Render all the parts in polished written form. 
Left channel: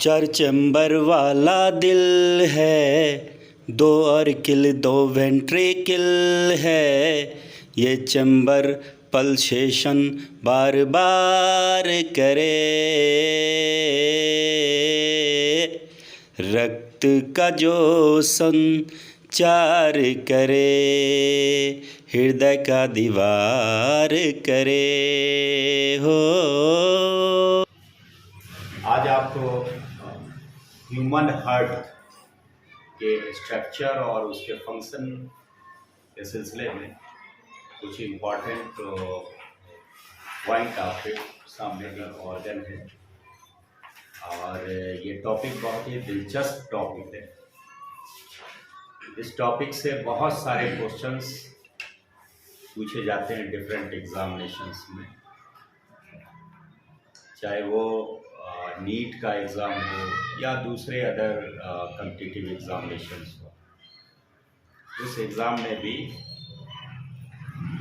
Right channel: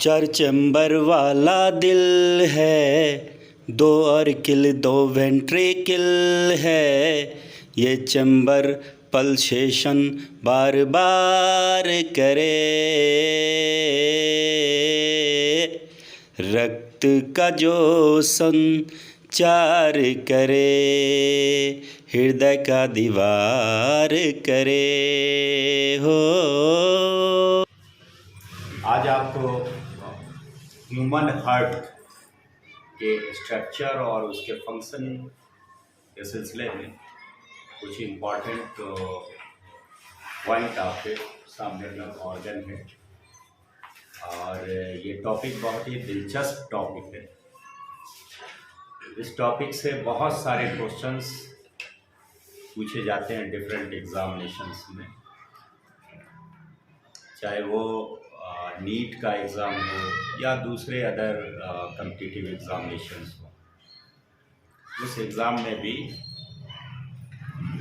चार चैम्बर वाला दिल है, दो ऑर्किल दो वेंट्रिकल है। ये चैम्बर पल्सेशन बार बार करे, रक्त का जो संचार करे, हृदय का दीवार करे हो। आज आपको ह्यूमन हार्ट के स्ट्रक्चर और उसके फंक्शन के सिलसिले में कुछ इम्पॉर्टेंट पॉइंट आपके सामने ऑर्गन है और ये टॉपिक बहुत ही दिलचस्प टॉपिक है। इस टॉपिक से बहुत सारे क्वेश्चंस पूछे जाते हैं डिफरेंट एग्जामिनेशंस में, चाहे वो नीट का एग्ज़ाम हो या दूसरे अदर कम्पिटिटिव एग्ज़ामिनेशंस हो। उस एग्ज़ाम में भी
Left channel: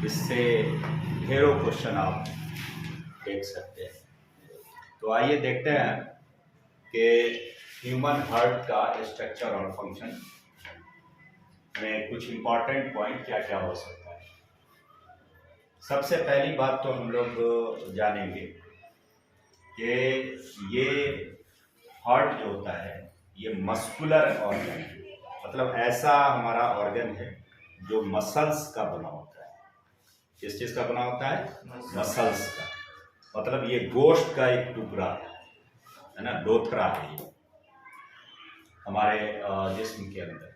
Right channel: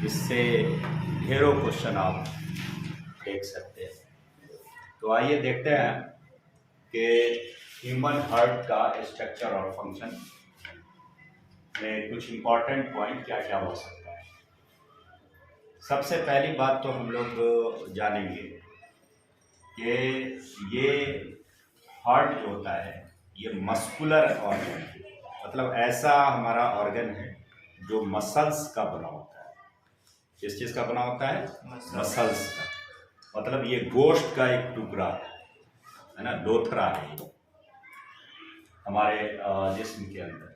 इससे ढेरों क्वेश्चन आप देख सकते हैं। तो आइए देखते हैं कि ह्यूमन हार्ट का स्ट्रक्चर और फंक्शन में कुछ इम्पॉर्टेंट पॉइंट क्या क्या हो सकता है। सबसे पहली बात तो हम लोग जानेंगे कि ये हार्ट जो होता है ये मस्कुलर ऑर्गन है, मतलब ऐसा हमारा ऑर्गन है जो मसल्स का बना होता है। किस चीज़ का बना होता है? मसल्स का। मतलब ये गोश्त का एक टुकड़ा है ना, लोथरा है ये हमारे जिस्म के अंदर।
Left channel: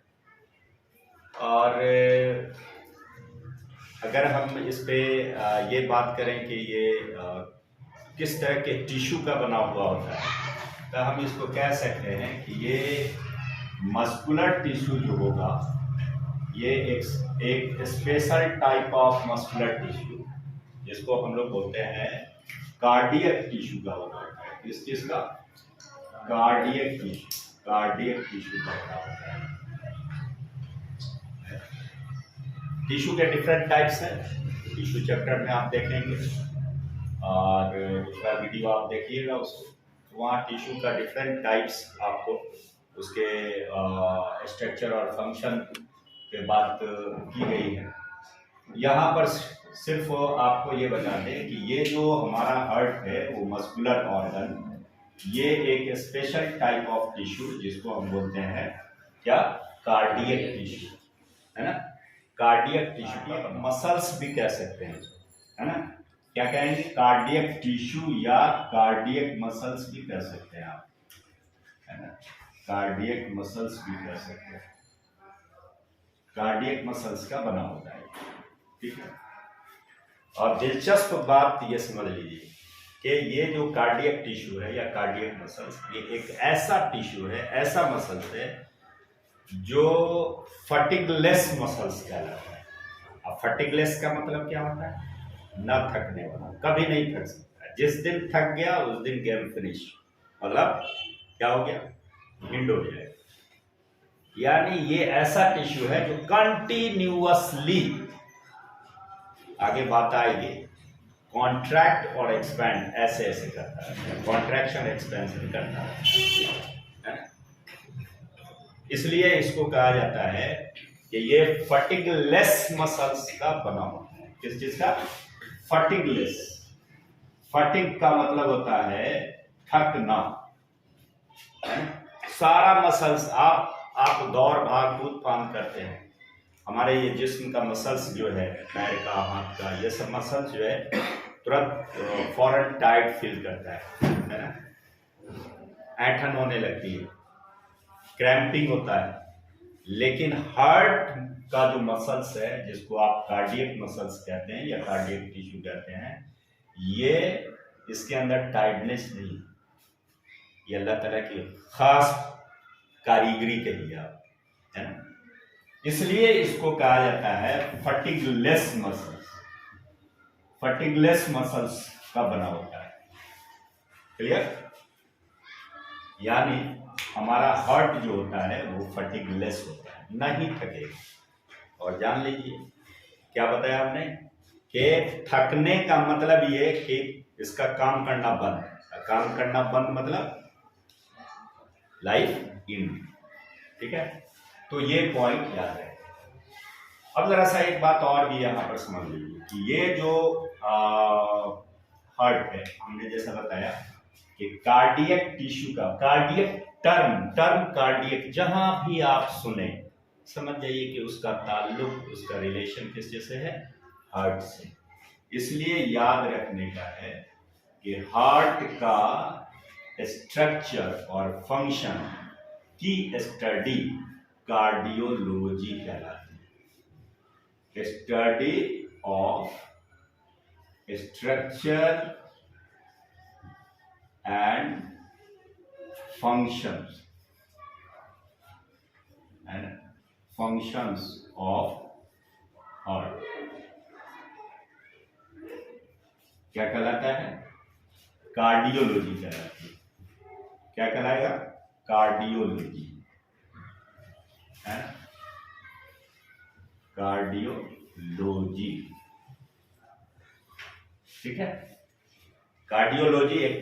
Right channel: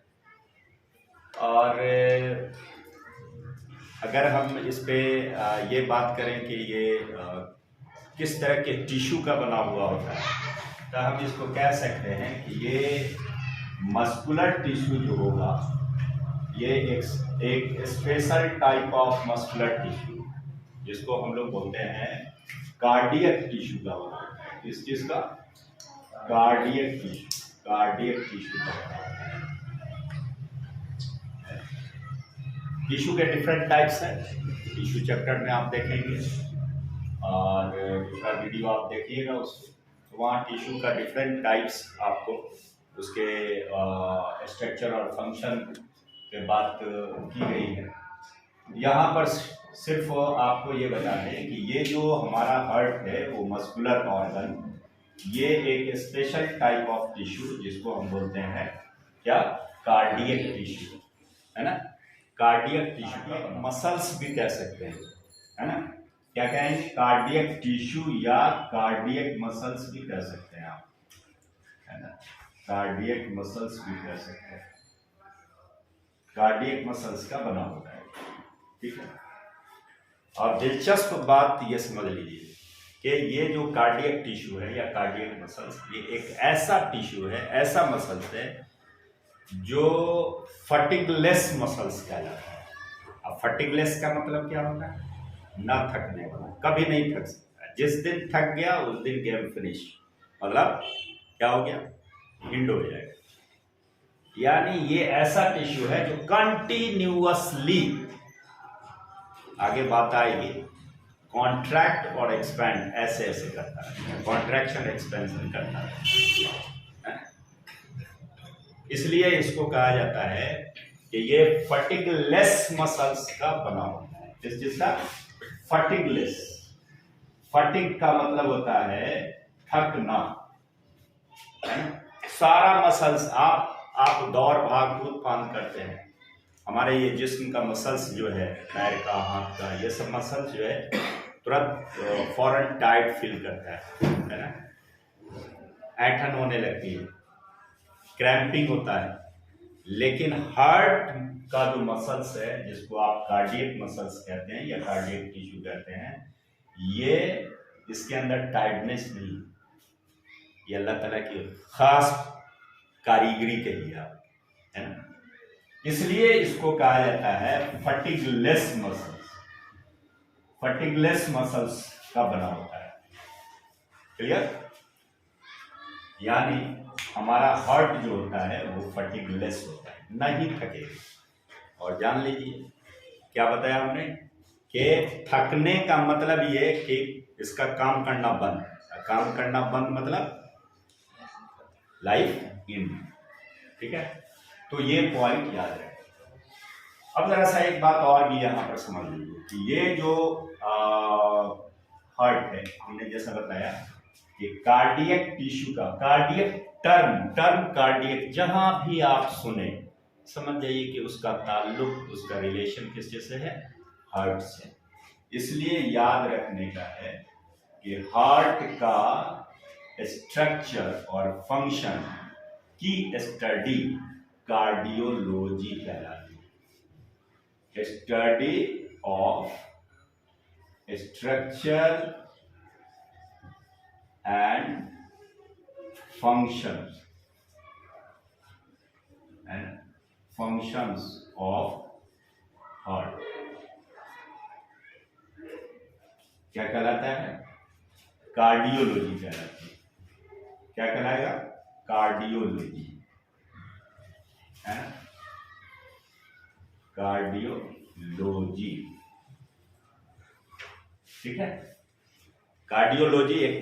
और अगर हम इस पे ये बात करें कि ये किस तरह के टिश्यू का बना हुआ होता है, तो हम इसको कह सकते हैं कि ये मस्कुलर टिश्यू जो होगा ये एक special type of muscular tissue जिसको हम लोग बोलते हैं कार्डियक टिश्यू का बना होता है। किस चीज़ का? कार्डियक टिश्यू का बना होता है। टिश्यू के डिफरेंट टाइप्स हैं, टिश्यू चैप्टर में आप देखेंगे और दूसरा वीडियो आप देखिएगा उसको, तो वहाँ टिश्यू का डिफरेंट टाइप्स आपको उसके स्ट्रक्चर और फंक्शन पे बात की गई है। यहाँ पर सिर्फ आपको ये बता दें कि ये जो हमारा हार्ट है वो मस्कुलर ऑर्गन, ये एक स्पेशल टाइप ऑफ टिश्यू जिसको हम बोलते हैं क्या? कार्डियक टिश्यू, है ना। कार्डियक टिश्यू मसल्स भी कह सकते हैं, है ना। क्या कहेंगे? कार्डियक टिश्यू या कार्डियक मसल्स भी कह सकते हैं आप, है ना। कार्डियक मसल्स भी कह सकते हैं, कार्डियक मसल्स का बना होता है, ठीक है। और दिलचस्प बात ये समझ लीजिए कि ये जो कार्डियक टिश्यू है या कार्डियक मसल्स, ये एक ऐसा टिश्यू है, ऐसा मसल्स है जो फटिगलेस मसल्स कहलाता है। अब फटिगलेस का मतलब क्या होता है? न थकने वाला, कभी नहीं थक सकता। जिस दिन थक गया उस दिन गेम फिनिश, मतलब क्या हो गया? हिंड हो जाएगा। यानी ये ऐसा टिश्यू है जो कंटिन्यूअसली, आगे बात आएगी, कॉन्ट्रैक्ट और एक्सपैंड ऐसे ऐसे करता है, कॉन्ट्रैक्शन एक्सपेंशन करता है। इसलिए इसको कहा जाता है कि ये फटिगलेस मसल्स का बना होता है। किस चीज का? फटिगलेस। फटिग का मतलब होता है थकना, सारा मसल्स आप दौड़ भाग कूद फान करते हैं, हमारे ये जिस्म का मसल्स जो है, पैर का, हाथ का, ये सब मसल्स जो है तुरंत फौरन टाइट फील करता है ना, ऐंठन होने लगती है, क्रैम्पिंग होता है। लेकिन हार्ट का जो मसल्स है जिसको आप कार्डियक मसल्स कहते हैं या कार्डियक टिश्यू कहते हैं, ये इसके अंदर टाइटनेस नहीं, ये अल्लाह ताला की खास कारीगरी कही आप, है ना। इसलिए इसको कहा जाता है फटिगलेस मसल्स, फटिगलेस मसल्स का बना होता है। क्लियर? यानी हमारा हार्ट जो होता है वो फटिगलेस होता है, नहीं थकेगा। और जान लीजिए क्या बताया हमने कि थकने का मतलब ये कि इसका काम करना बंद। काम करना बंद मतलब लाइफ इन। ठीक है, तो ये पॉइंट याद रहे। अब जरा सा एक बात और भी यहाँ पर समझ लीजिए कि ये जो हार्ट है, हमने जैसा बताया कि कार्डियक टिश्यू का, कार्डियक टर्म कार्डियक जहां भी आप सुने समझ जाइए कि उसका ताल्लुक, उसका रिलेशन किससे से है? हार्ट से। इसलिए याद रखने का है कि हार्ट का स्ट्रक्चर और फंक्शन की स्टडी कार्डियोलॉजी कहलाती है। Study of structure and functions of heart क्या कहलाता है? कार्डियोलॉजी कहलाती है। क्या कहलाएगा? कार्डियोलॉजी है ना, कार्डियोलॉजी। ठीक है, कार्डियोलॉजी एक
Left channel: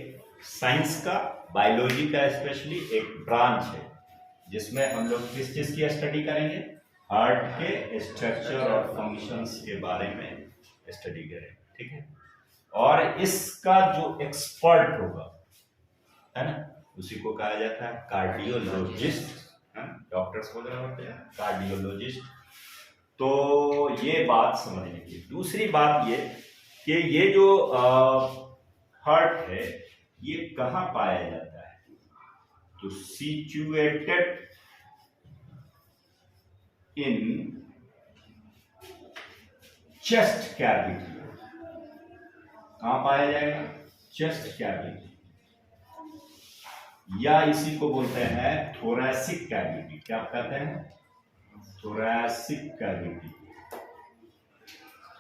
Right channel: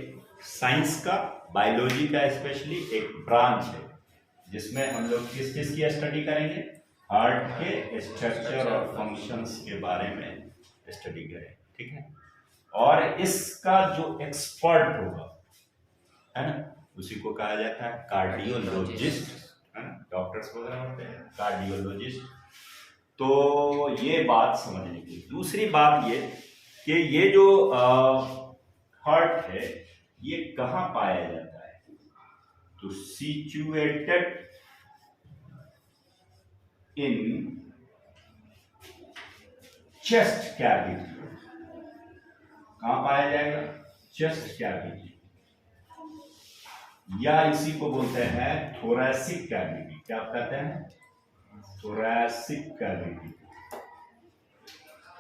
साइंस का, बायोलॉजी का स्पेशली एक ब्रांच है जिसमें हम लोग किस चीज की स्टडी करेंगे? हार्ट के स्ट्रक्चर और फंक्शंस के बारे में स्टडी करें। ठीक है, और इसका जो एक्सपर्ट होगा है ना, उसी को कहा जाता है कार्डियोलॉजिस्ट, है ना, डॉक्टर्स वगैरह होते हैं कार्डियोलॉजिस्ट। तो ये बात समझने की। दूसरी बात ये कि ये जो हार्ट है ये कहाँ पाया जाता है? तो सिचुएटेड इन चेस्ट कैविटी। कहाँ पाया जाएगा? चेस्ट कैविटी, या इसी को बोलते हैं थोरैसिक कैविटी। क्या कहते हैं? Thoracic cavity,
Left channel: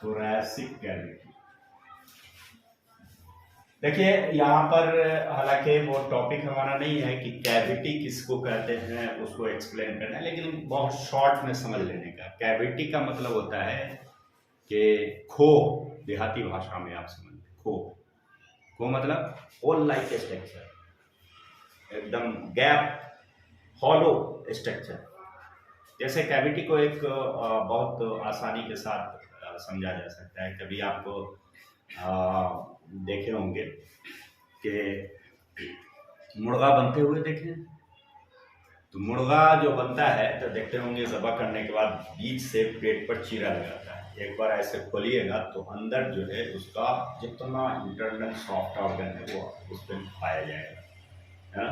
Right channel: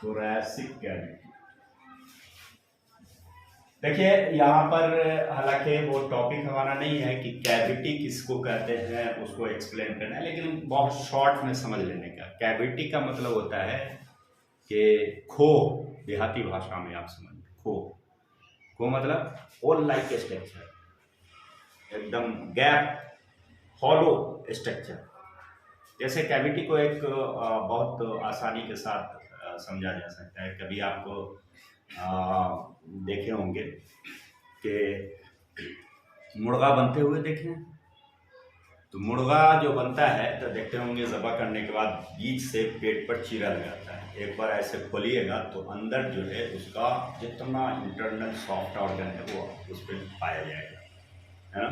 thoracic cavity. देखिए यहाँ पर हालांकि वो टॉपिक हमारा नहीं है कि कैविटी किसको कहते हैं उसको एक्सप्लेन करना है, लेकिन बहुत शॉर्ट में समझ लेने का। कैविटी का मतलब होता है कि खो, देहाती भाषा में आप समझ, खो मतलब होल लाइक स्ट्रक्चर, एकदम गैप, हॉलो स्ट्रक्चर। जैसे कैविटी को एक बहुत आसानी के साथ समझा जा सकता है। कभी आपको देखे होंगे कि मुर्गा बनते हुए देखें, तो मुर्गा जो बनता है तो देखते होंगे ज़बह करने के बाद बीच से पेट पर चीरा लगाता है। एक बार ऐसे खोलिएगा तो अंदर जो है उसका जितना इंटरनल सॉफ्ट ऑर्गन है वो उस पर पाया जाएगा, है ना,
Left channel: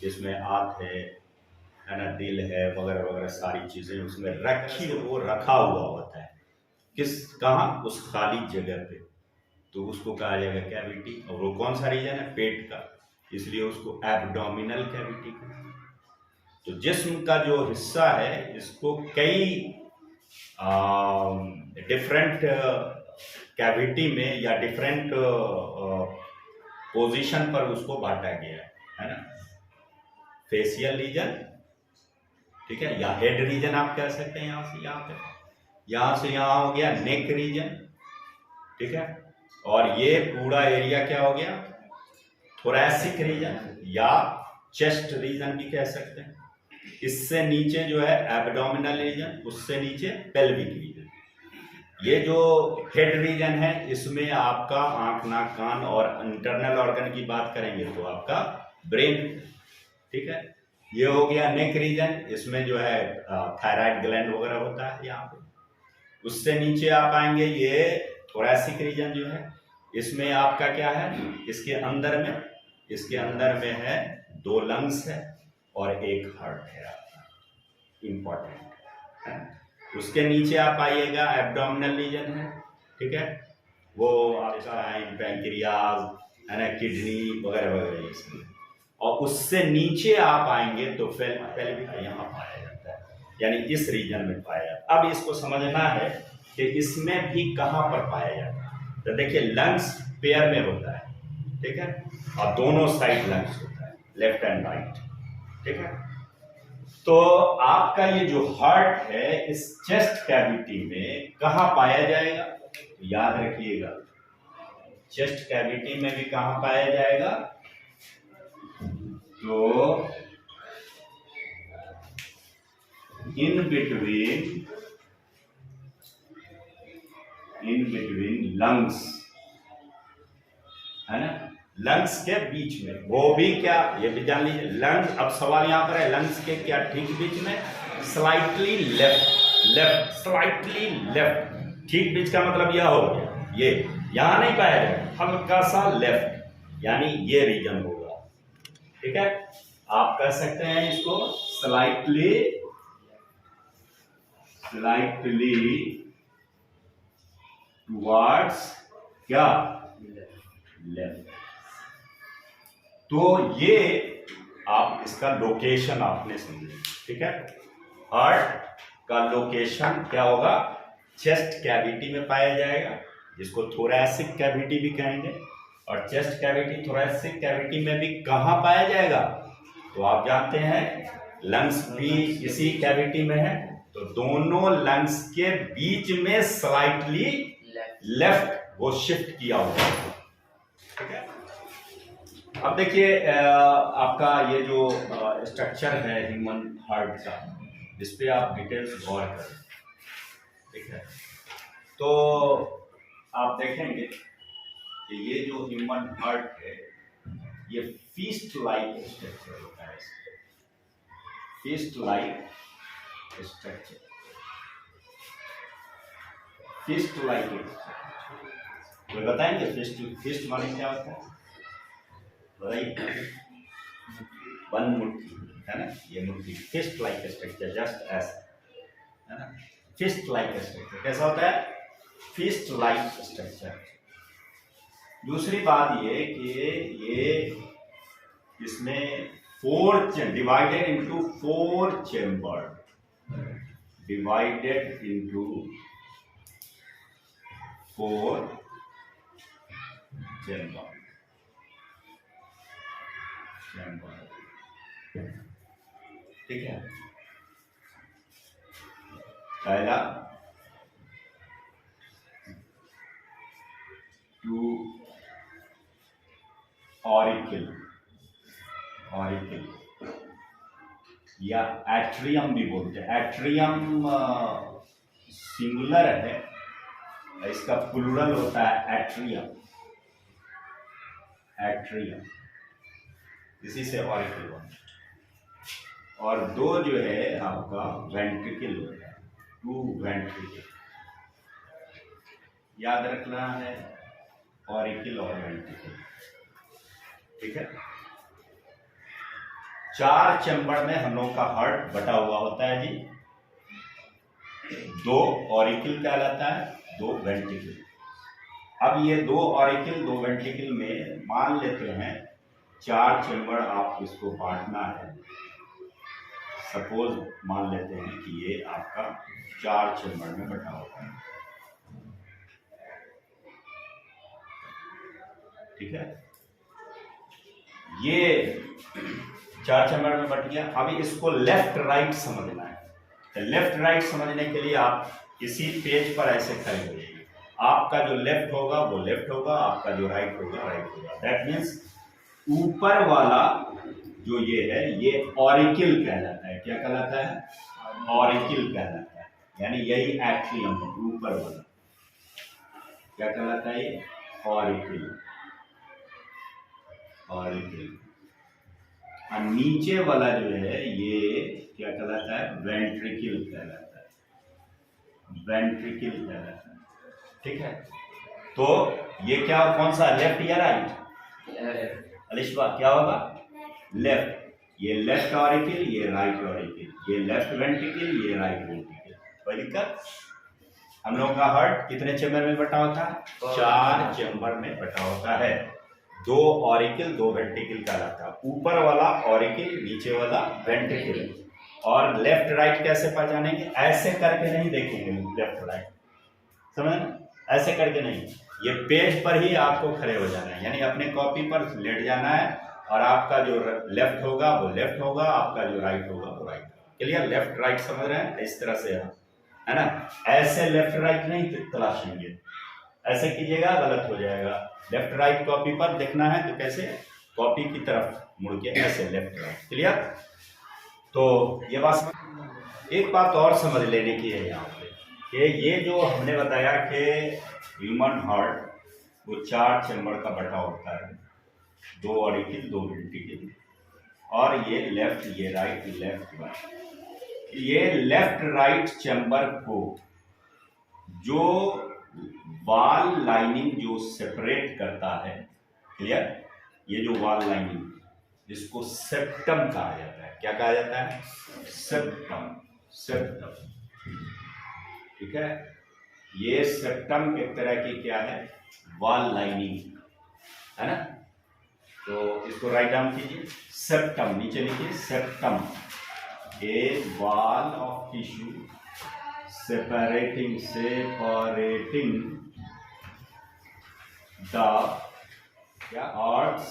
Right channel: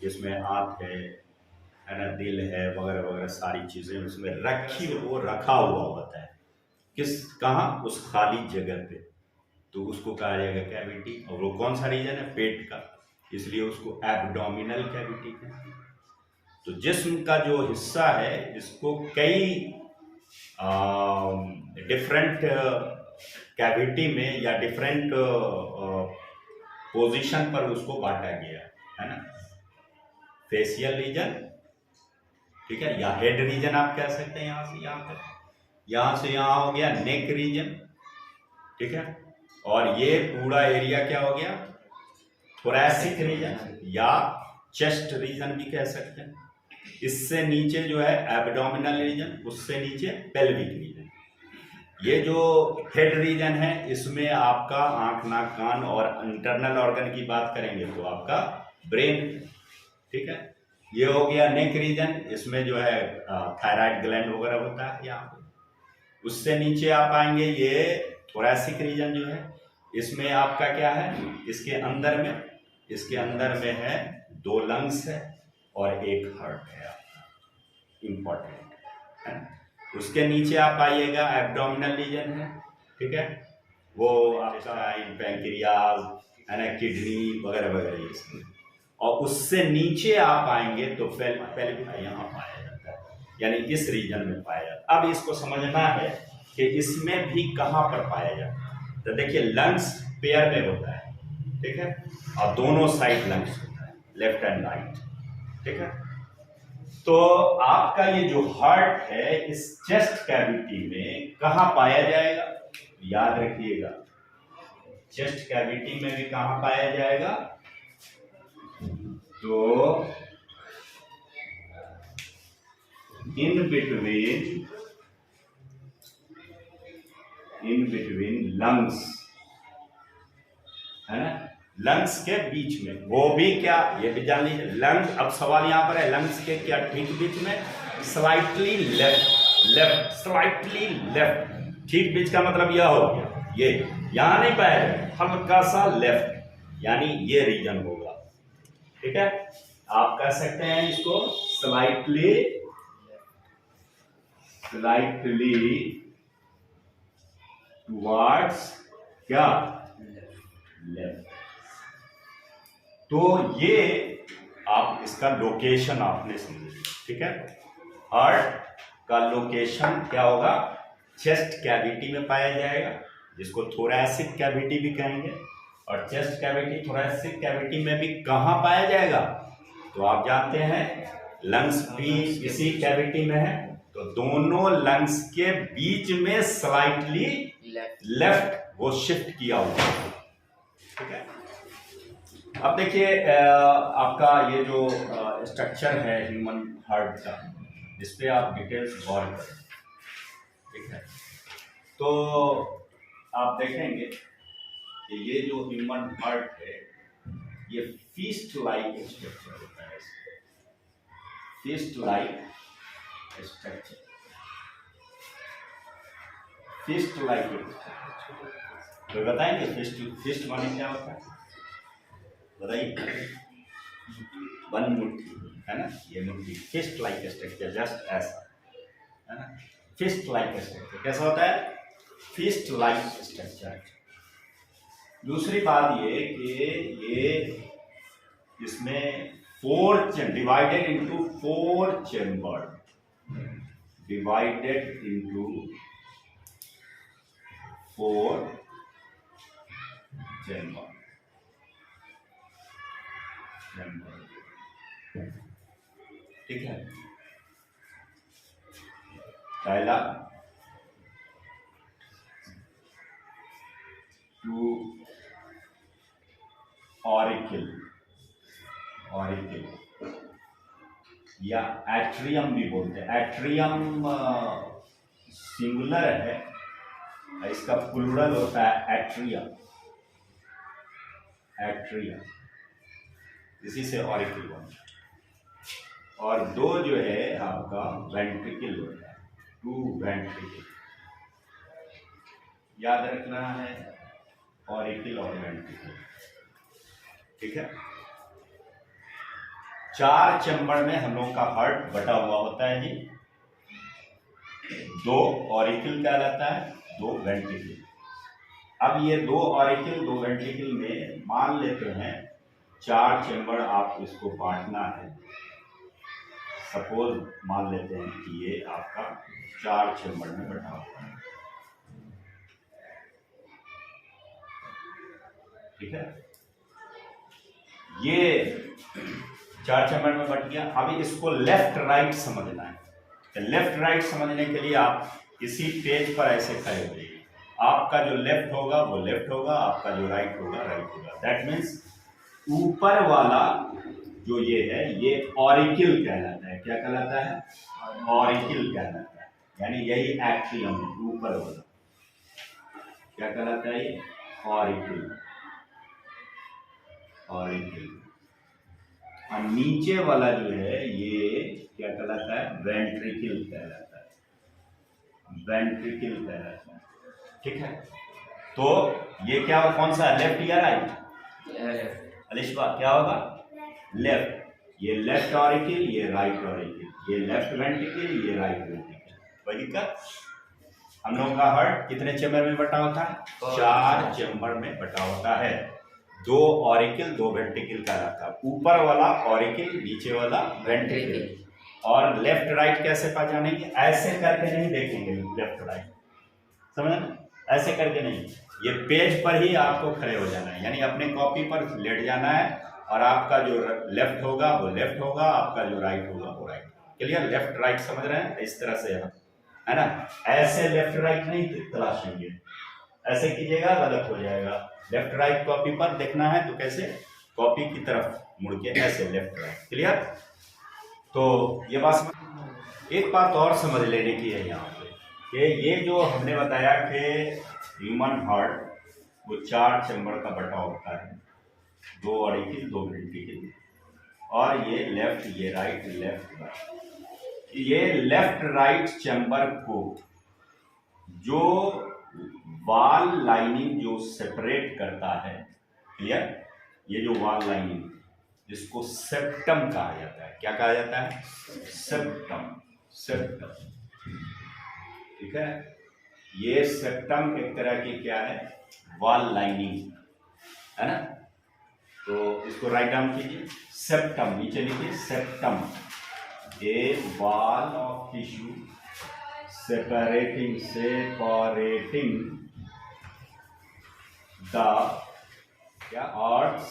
जिसमें आँख है ना, दिल है, वगैरह वगैरह सारी चीज़ें उसमें रखा हुआ होता है। कहाँ? उस खाली जगह पे। तो उसको कहा जाएगा कैविटी। और वो कौन सा रीजन है? पेट का, इसलिए उसको एब्डोमिनल कैविटी कहते हैं। तो जिस्म का जो हिस्सा है इसको कई डिफरेंट कैविटी में या डिफरेंट पोजीशन पर उसको बांटा गया है ना। फेशियल रीजन, ठीक है, या हेड रीजन आप कह सकते हैं। यहाँ से यहाँ तक, यहाँ से यहाँ हो गया नेक रीजन, ठीक है। और ये पूरा एरिया क्या हो गया? थोरैसिक रीजन या चेस्ट रीजन भी कह सकते हैं। इससे नीचे जो है एब्डोमिनल रीजन, उससे नीचे पेल्विक रीजन। ये जो हेड रीजन है इसमें आपका आंख, नाक, कान और इंटरनल ऑर्गन की बात करेंगे तो आपका ब्रेन, ठीक है। ये हो गया नेक रीजन, इसमें जो है थायराइड ग्लैंड वगैरह होता है यहाँ पे। उससे नीचे आप आएंगे ये थोरैसिक रीजन जो है, इसमें आपका क्या है? इसके अंदर में है 2 लंग्स है और एक हार्ट है आपका, इम्पोर्टेंट है। उसके नीचे आप आइएगा एब्डोमिनल रीजन है, ठीक है, वो आपका पैंक्रियाज है ना, किडनी वगैरह वगैरह ये सब। और उससे नीचे आप आएंगे तो पेल्विक यहाँ पाया जाता है, यानी इस रीजन में पाया जाता है। अब इसको समझना है कि इसमें भी कहाँ पर पाया जाता है। तो देखिए लंग्स पेयर में होता है, ठीक है, और दोनों साइड लंग्स होता है, लेफ्ट एंड राइट, ठीक है। तो आपका ये जो हार्ट है इस चेस्ट कैविटी में कहाँ पाया जाएगा? तो याद रखिएगा, चेस्ट कैविटी में भी कहाँ पाया जाएगा? तो इन बिटवीन लंग्स, है ना, लंग्स के बीच में, वो भी क्या, ये भी जान लीजिए, लंग्स, अब सवाल यहां पर है लंग्स के क्या ठीक बीच में, स्लाइटली लेफ्ट, स्लाइटली लेफ्ट, ठीक बीच का मतलब यह हो गया, ये यहां नहीं पाया जाएगा, हल्का सा लेफ्ट, यानी ये रीजन होगा, ठीक है। आप कह सकते हैं इसको स्लाइटली टुवर्ड्स क्या, लेफ्ट। तो ये आप इसका लोकेशन आपने समझे, ठीक है। हार्ट का लोकेशन क्या होगा, चेस्ट कैविटी में पाया जाएगा, जिसको थोरैसिक कैविटी भी कहेंगे, और चेस्ट कैविटी थोरैसिक कैविटी में भी कहाँ पाया जाएगा, तो आप जानते हैं लंग्स भी इसी कैविटी में है, तो दोनों लंग्स के बीच में स्लाइटली लेफ्ट वो शिफ्ट किया हुआ है, ठीक है। अब देखिए आपका ये जो स्ट्रक्चर है ह्यूमन हार्ट का, जिस पे आप डिटेल्स गौर करें, ठीक है, तो आप देखेंगे कि ये जो ह्यूमन हार्ट है ये फीस्ट लाइक स्ट्रक्चर होता है, feast like structure, feast like structure, तो बताएंगे फीस्ट माने क्या होता है, बताइए। वन मुट्ठी, है ना, ये मुट्ठी, फिस्ट लाइक स्ट्रक्चर, जस्ट ऐसा, है ना, फिस्ट लाइक स्ट्रक्चर कैसा होता है, फिस्ट लाइक स्ट्रक्चर। दूसरी बात ये कि ये इसमें divided into 4 chamber, divided into 4 chamber, ठीक है। पहला टू ऑरिकल या एट्रियम भी बोलते हैं, एट्रियम सिंगुलर है, इसका प्लूरल होता है एट्रियम, इसी से ऑरिकल बनता है। और दो जो है आपका वेंट्रिकल होता है, 2 वेंट्रिकल, याद रखना है, ऑरिकल और वेंट्रिकल, ठीक है। 4 चैम्बर में हम लोगों का हार्ट बटा हुआ होता है जी, 2 ऑरिकल कहलाता है, 2 वेंट्रिकल। अब ये 2 ऑरिकल 2 वेंट्रिकल में मान लेते हैं 4 चैम्बर आप इसको बांटना है, सपोज मान लेते हैं कि ये आपका 4 चैम्बर में बटा हुआ है, ठीक है। ये 4 चैम्बर में बट गया। अभी इसको लेफ्ट राइट समझना है, तो लेफ्ट राइट समझने के लिए आप इसी पेज पर ऐसे खड़े हो जाइए, आपका जो लेफ्ट होगा वो लेफ्ट होगा, आपका जो राइट होगा राइट होगा। दैट मीन्स ऊपर वाला जो ये है ये ऑरिकल कहलाता है, क्या कहलाता है, ऑरिकल कहलाता है, यानी यही एट्रियम है, ऊपर वाला क्या कहलाता है, ये ऑरिकल, और नीचे वाला जो है ये क्या कहलाता है, वेंट्रिकल कहलाता है, ठीक है। तो ये क्या, कौन सा, लेफ्ट या राइट, अलिशबा क्या होगा, लेफ्ट, ये लेफ्ट ऑरिकल, ये राइट ऑरिकल, ये लेफ्ट वेंट्रिकल, ये राइट वेंट्रिकल। कोई दिक्कत, हम लोगों का हार्ट कितने चैम्बर में बटा होता है, 4 चैम्बर में बटा होता है, 2 ऑरिकल 2 वेंट्रिकल कहलाता है, ऊपर वाला ऑरिकल नीचे वाला वेंट्रिकल। और लेफ्ट राइट कैसे पहचानेंगे, ऐसे करके नहीं देखेंगे लेफ्ट राइट, समझ ना, ऐसे करके नहीं, ये पेज पर ही आपको खड़े हो जाना है, यानी अपने कॉपी पर लेट जाना है, और आपका जो लेफ्ट होगा वो लेफ्ट होगा, आपका जो राइट होगा वो राइट होगा। क्लियर, लेफ्ट राइट समझ रहे हैं, इस तरह से है ना, ऐसे लेफ्ट राइट नहीं तलाशेंगे, ऐसे कीजिएगा गलत हो जाएगा। लेफ्ट राइट कॉपी पर देखना है तो कैसे, कॉपी की तरफ मुड़ के ऐसे लेफ्ट राइट। क्लियर, तो ये बात एक बात और समझ लेने की है यहाँ पे कि ये जो हमने बताया कि ह्यूमन हार्ट वो 4 चैम्बर का बटा होता है, 2 ऑरिकल 2 वेंट्रिकल, और ये लेफ्ट ये राइट लेफ्ट राइट। ये लेफ्ट राइट चैम्बर को जो वॉल लाइनिंग जो सेपरेट करता है, क्लियर, ये जो वॉल लाइनिंग इसको सेप्टम कहा जाता है। क्या कहा जाता है? सेप्टम। सेप्टम, ठीक है। ये सेप्टम एक तरह की क्या है? वॉल लाइनिंग है ना। तो इसको राइट डाउन कीजिए, सेप्टम, नीचे लिखिए septum, A wall of tissue separating the क्या hearts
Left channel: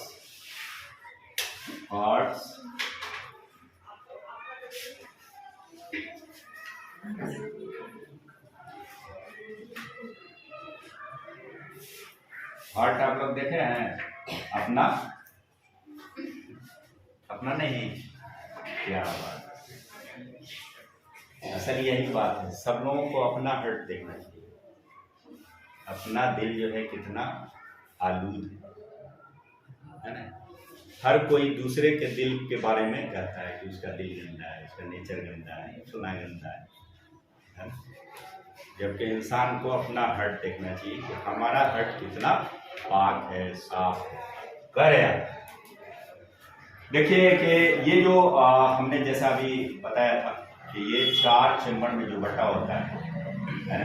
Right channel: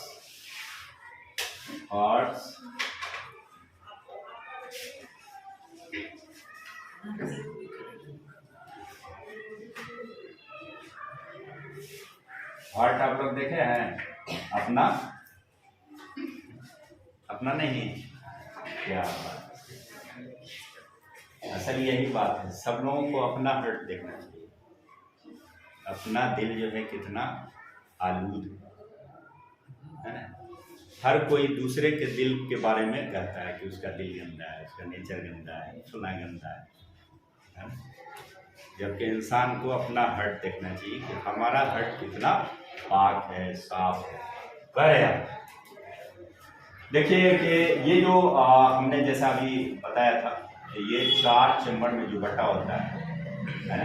हार्ट आप लोग देखे हैं अपना? अपना नहीं, क्या बात, असल यही बात है, सब लोगों को अपना हार्ट देखना चाहिए। अपना दिल जो है कितना आलूद है ना। हर कोई दूसरे के दिल के बारे में कहता है कि उसका दिल गंदा है, उसका नेचर गंदा है, सुना गंदा है ना? जबकि इंसान को अपना हार्ट देखना चाहिए कि हमारा हार्ट कितना पाक है, साफ है। कह देखिए कि ये जो हमने जैसा अभी बताया था कि ये 4 चैम्बर में जो बटा होता है ना,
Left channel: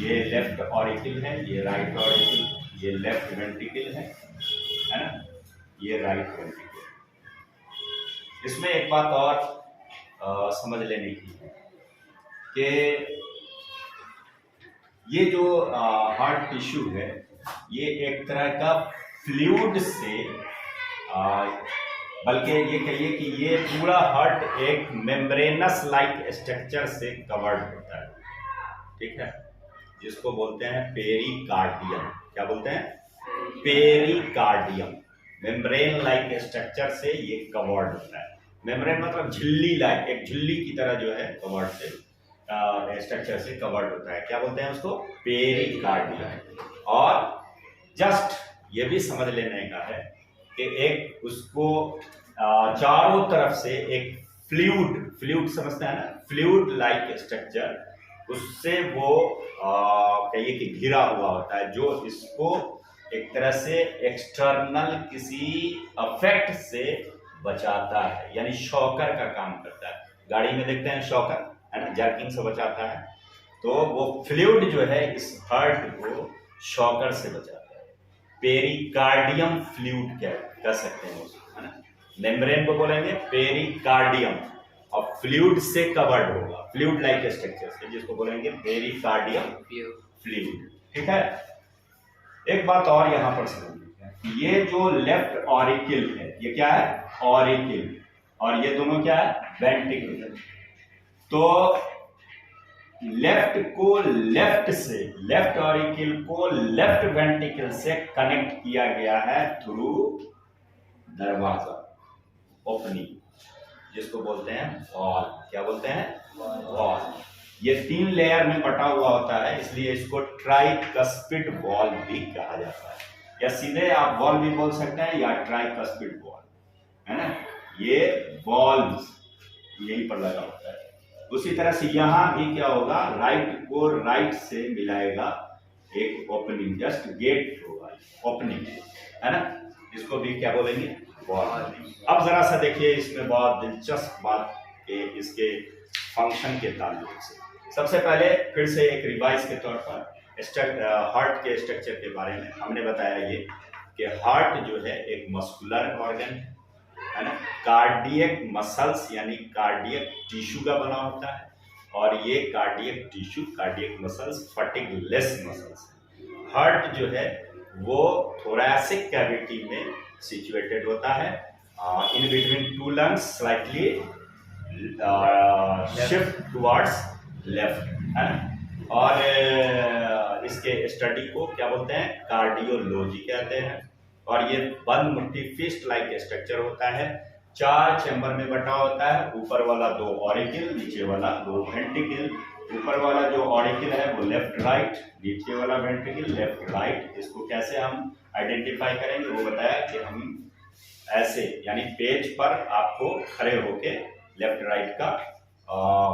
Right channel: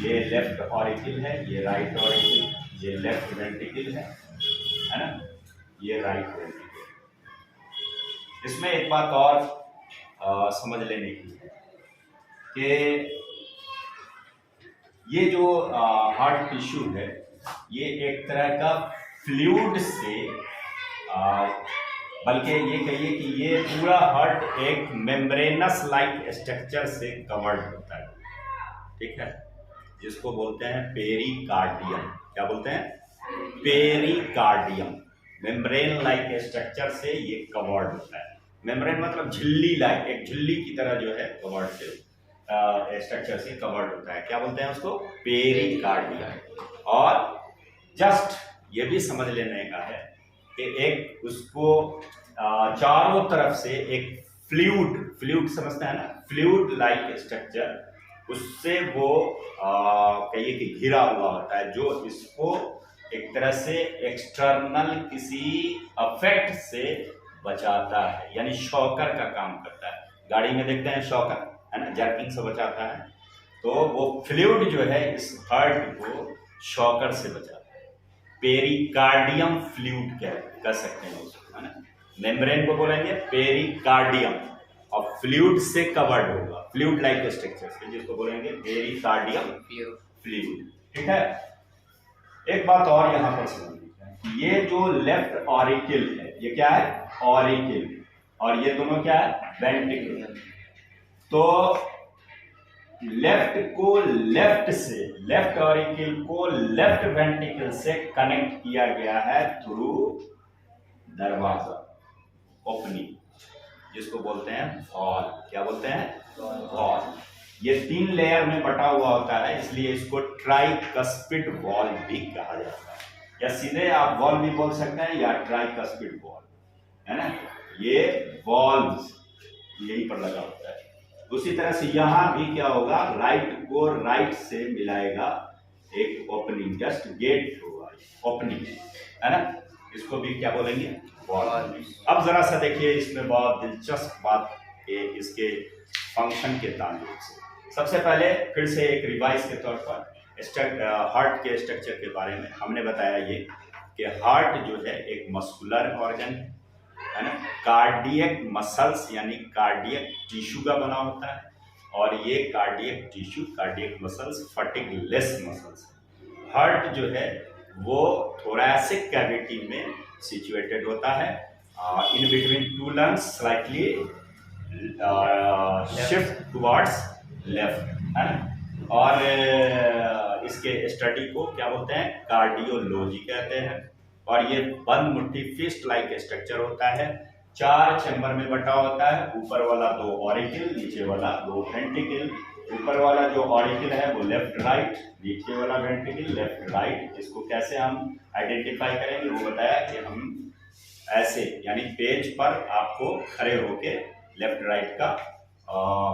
ये लेफ्ट ऑरिकल है, ये राइट ऑरिकल, ये लेफ्ट वेंट्रिकल है ना, ये राइट वेंट्रिकल। इसमें एक बात और समझ लेने की है कि ये जो हार्ट टिश्यू है ये एक तरह का फ्लूइड से बल्कि ये कहिए कि ये पूरा हार्ट एक मेम्ब्रेनस लाइक स्ट्रक्चर से कवर्ड होता है, ठीक है, जिसको बोलते हैं पेरिकार्डियम। क्या बोलते हैं? पेरिकार्डियम। मेम्ब्रेन लाइक स्ट्रक्चर से ये कवर्ड होता है। मेम्ब्रेन मतलब झिल्ली लाइक, एक झिल्ली की तरह जो है कवर्ड से स्ट्रक्चर से कवर्ड होता है। क्या बोलते हैं उसको? पेरिकार्डियम। और जस्ट ये भी समझ लेने का है कि एक उसको चारों तरफ से एक फ्लूइड समझते हैं ना, फ्लूइड लाइक स्ट्रक्चर, उससे वो कहिए कि घिरा हुआ होता है, जो इसको एक तरह से एक्सटर्नल किसी अफेक्ट से बचाता है, यानी शॉकर का काम करता है। गाड़ी में देखते हैं शॉकर है ना, जर्किंग से बचाता है, तो वो फ्लूइड जो है इस हार्ट को शॉकर से बचाता है। पेरिकार्डियम फ्लूइड कह सकते हैं उसको, है ना। मेम्ब्रेन को बोलेंगे पेरिकार्डियम, और फ्लूइड से कवर्ड होगा, फ्लूइड लाइक स्ट्रक्चर से, जिसको बोलेंगे पेरिकार्डियम फ्लूइड, ठीक है। एक बात और यहां पर समझ लीजिए, ये जो लेफ्ट ऑरिकल है ये क्या है? ऑरिकल, और ये दोनों क्या है? वेंट्रिकल। तो लेफ्ट को लेफ्ट से, लेफ्ट ऑरिकल को लेफ्ट वेंट्रिकल से कनेक्ट किया गया है थ्रू दरवाजा, ओपनिंग, जिसको बोलते हैं वॉल। क्या बोलते हैं? वॉल। ये 3 लेयर में बटा हुआ होता है, इसलिए इसको ट्राइकस्पिड वॉल भी कहा जाता है, या सीधे आप वॉल भी बोल सकते हैं या ट्राइकस्पिड वॉल, है ना। ये वॉल्स यहीं पर लगा होता है। उसी तरह से यहां भी क्या होगा? राइट को राइट से मिलाएगा एक ओपनिंग, जस्ट गेट होगा, ओपनिंग, है ना। इसको भी क्या बोलेंगे? वॉल। अब जरा सा देखिए, इसमें बहुत दिलचस्प बात है इसके फंक्शन के ताल्लुक से। सबसे पहले फिर से एक रिवाइज के तौर पर हार्ट के स्ट्रक्चर के बारे में हमने बताया ये कि हार्ट जो है एक मस्कुलर ऑर्गन है ना, कार्डियक मसल्स यानी कार्डियक टिश्यू का बना होता है, और ये cardiac tissue, cardiac muscles fatigue less muscles है। हार्ट जो है वो थोरैसिक कैविटी में सिचुएटेड होता है, in between 2 lungs, slightly shift towards left, है ना। और इसके स्टडी को क्या बोलते हैं? कार्डियोलॉजी कहते हैं। और ये बंद मुट्ठी फिस्ट लाइक स्ट्रक्चर होता है, 4 चैम्बर में बटा होता है। ऊपर वाला 2 ऑरिकल, नीचे वाला 2 वेंट्रिकल। ऊपर वाला जो ऑरिकल है वो लेफ्ट राइट, नीचे वाला वेंट्रिकल लेफ्ट राइट। इसको कैसे हम आइडेंटिफाई करेंगे वो बताया कि हम ऐसे यानी पेज पर आपको खड़े होके लेफ्ट राइट का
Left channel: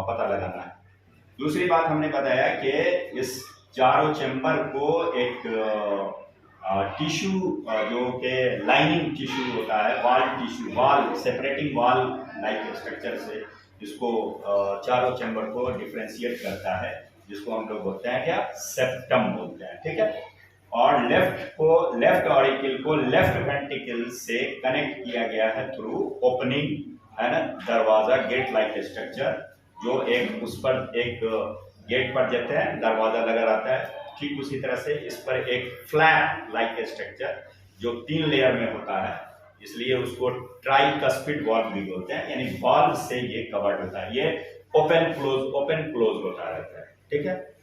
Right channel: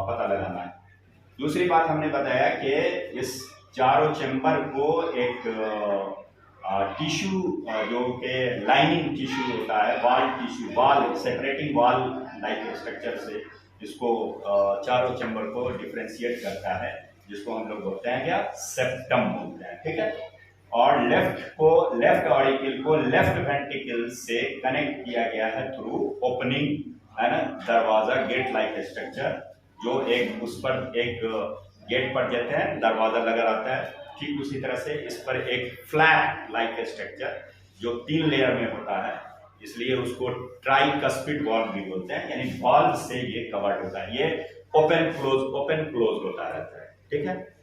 पता लगाना है। दूसरी बात हमने बताया कि इस चारों चैम्बर को एक टिश्यू जो कि लाइनिंग टिश्यू होता है, वाल टिश्यू, वाल सेपरेटिंग वाल लाइक स्ट्रक्चर से इसको चारों चैम्बर को डिफरेंशिएट करता है, जिसको हम लोग बोलते हैं क्या, सेप्टम बोलते हैं। ठीक है। और लेफ्ट ऑरिकल को लेफ्ट वेंट्रिकल से कनेक्ट किया गया है थ्रू ओपनिंग, है ना, दरवाजा, गेट लाइक स्ट्रक्चर, जो एक उस पर एक गेट पर देते हैं दरवाजा लगा रहता है, ठीक उसी तरह से इस पर एक फ्लैट लाइक स्ट्रक्चर जो 3 लेयर में होता है, इसलिए उसको ट्राइकस्पिड वॉल्व भी बोलते हैं, यानी वॉल्व से ये कवर्ड होता है, ये ओपन क्लोज होता रहता है। ठीक है।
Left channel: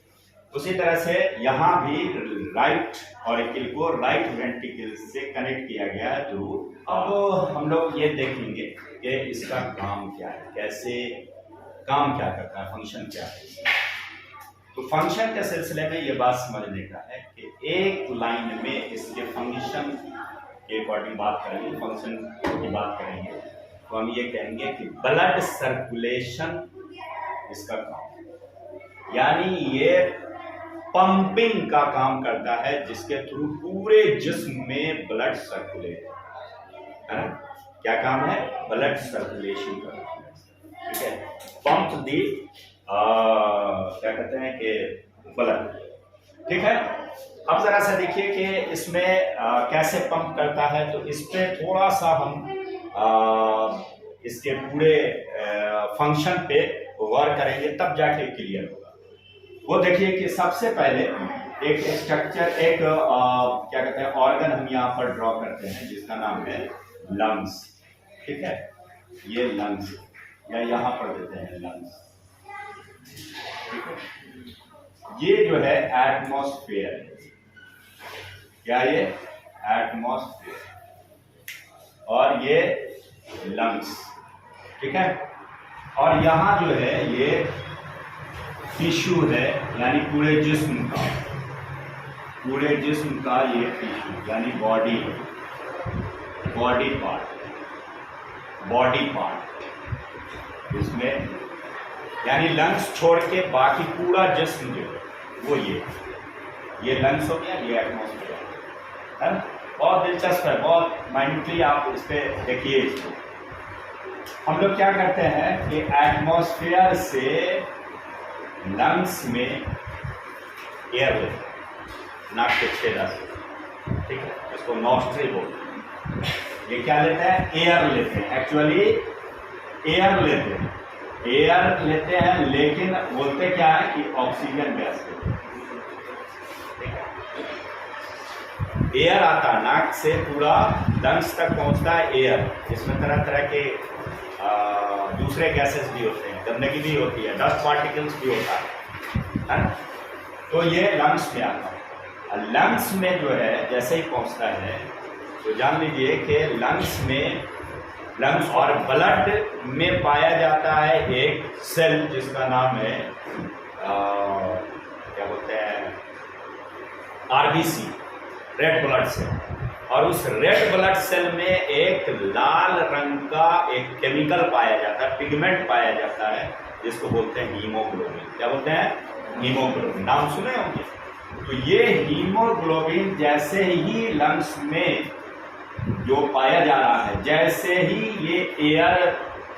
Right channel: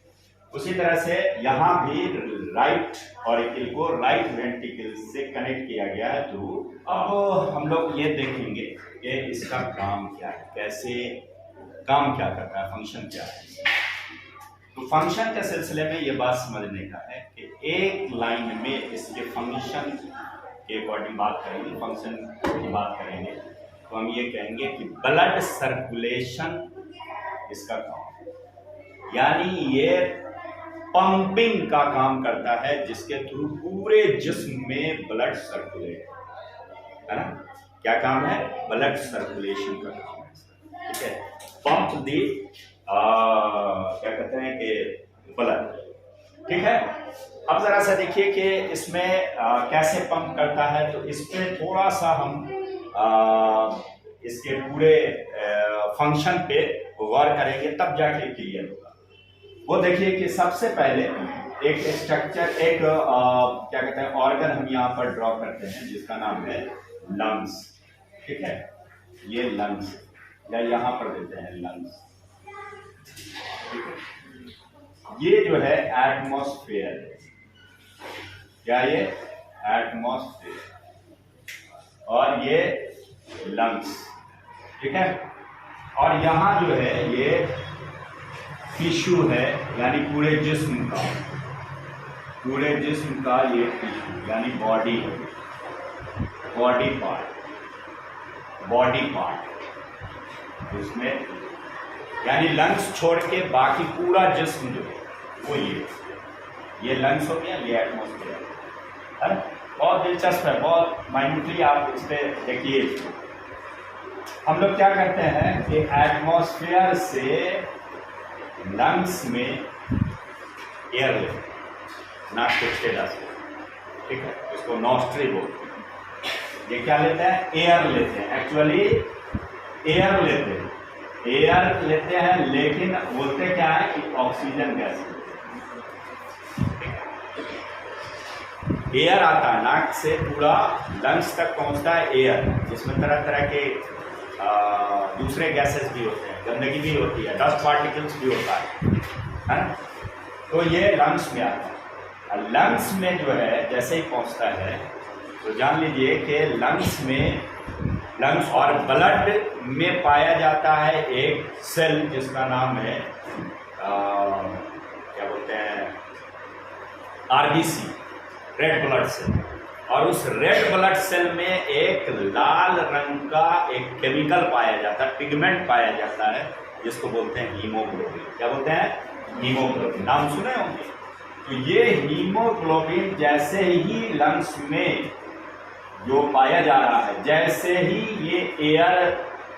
उसी तरह से यहाँ भी राइट ऑरिकल को राइट वेंट्रिकल से कनेक्ट किया गया है थ्रू। अब हम लोग ये देखेंगे कि इसका काम क्या है, कैसे काम क्या करता है, फंक्शन क्या है। तो फंक्शन के सिलसिले में ये बात समझने का है कि एक लाइन में इसके फंक्शन के अकॉर्डिंग बात करेंगे, फंक्शन की बात करेंगे तो हम ये कहेंगे कि ब्लड सर्कुलेशन इसका काम, यानी ये पंपिंग का काम करता है, जिसके थ्रू पूरे जिस्म में ब्लड सर्कुलेट, है ना। क्या काम है, ब्लड सर्कुलेशन का काम है। ठीक है। पंप दी क्या कहते हैं कि ब्लड। ठीक है। अब जरा सा देखिए कि इसमें कैसे पंप करता है, तो इस पे थोड़ा सा हम इसके पूरे फंक्शन पे वर्क करेंगे, तब जाके क्लियर होगा। वो देखिए कि सबसे पहले एक स्ट्रक्चर, एक क्या कहते हैं ऑर्गन हम यहाँ पर ड्रॉ करते हैं, जिसका नाम है लंग्स। ठीक है। ये लंग्स, या यहाँ पर देते हैं लंग्स। ठीक है। ये जो है एटमॉस्फेयर, क्या ये एटमॉस्फेयर, और ये लंग्स। ठीक है। और यहाँ जो है ये टिश्यू है, यानी पूरे जिस्म का ये टिश्यू, यानी बॉडी पार्ट इसमें, यानी लंग्स छोड़ के बाकी पूरा जिस्म जो है वो ये लंग्स हो गया, ये एटमॉस्फेयर है। बहुत दिलचस्प है, बहुत माइन्यूटली आप इस पे देखिए। हम लोग क्या करते हैं कि एटमॉस्फेयर से लंग्स में एयर लेते हैं, नाक के छेदा से। ठीक है। इसको नॉस्ट्री बोलते हैं। ये क्या लेते हैं, एयर लेते हैं, एक्चुअली एयर लेते हैं, लेकिन बोलते क्या है कि ऑक्सीजन गैस लेते हैं। एयर आता है नाक से, पूरा लंग्स तक पहुंचता है एयर। इसमें तरह तरह के दूसरे गैसेस भी होते हैं, गंदगी भी होती है, डस्ट पार्टिकल्स भी होता है ना। तो ये लंग्स में आता है। लंग्स में जो है जैसे ही पहुंचता है तो जान लीजिए कि लंग्स और ब्लड में पाया जाता है एक सेल, जिसका नाम है क्या बोलते हैं, आरबीसी, रेड ब्लड सेल। और उस रेड ब्लड सेल में एक लाल रंग का एक केमिकल पाया जाता है, पिगमेंट पाया जाता है, जिसको बोलते हैं हीमोग्लोबिन। क्या बोलते हैं, हीमोग्लोबिन। नाम सुने होंगे। तो ये हीमोग्लोबिन जैसे ही लंग्स में जो पाया जा रहा है, जैसे ही ये एयर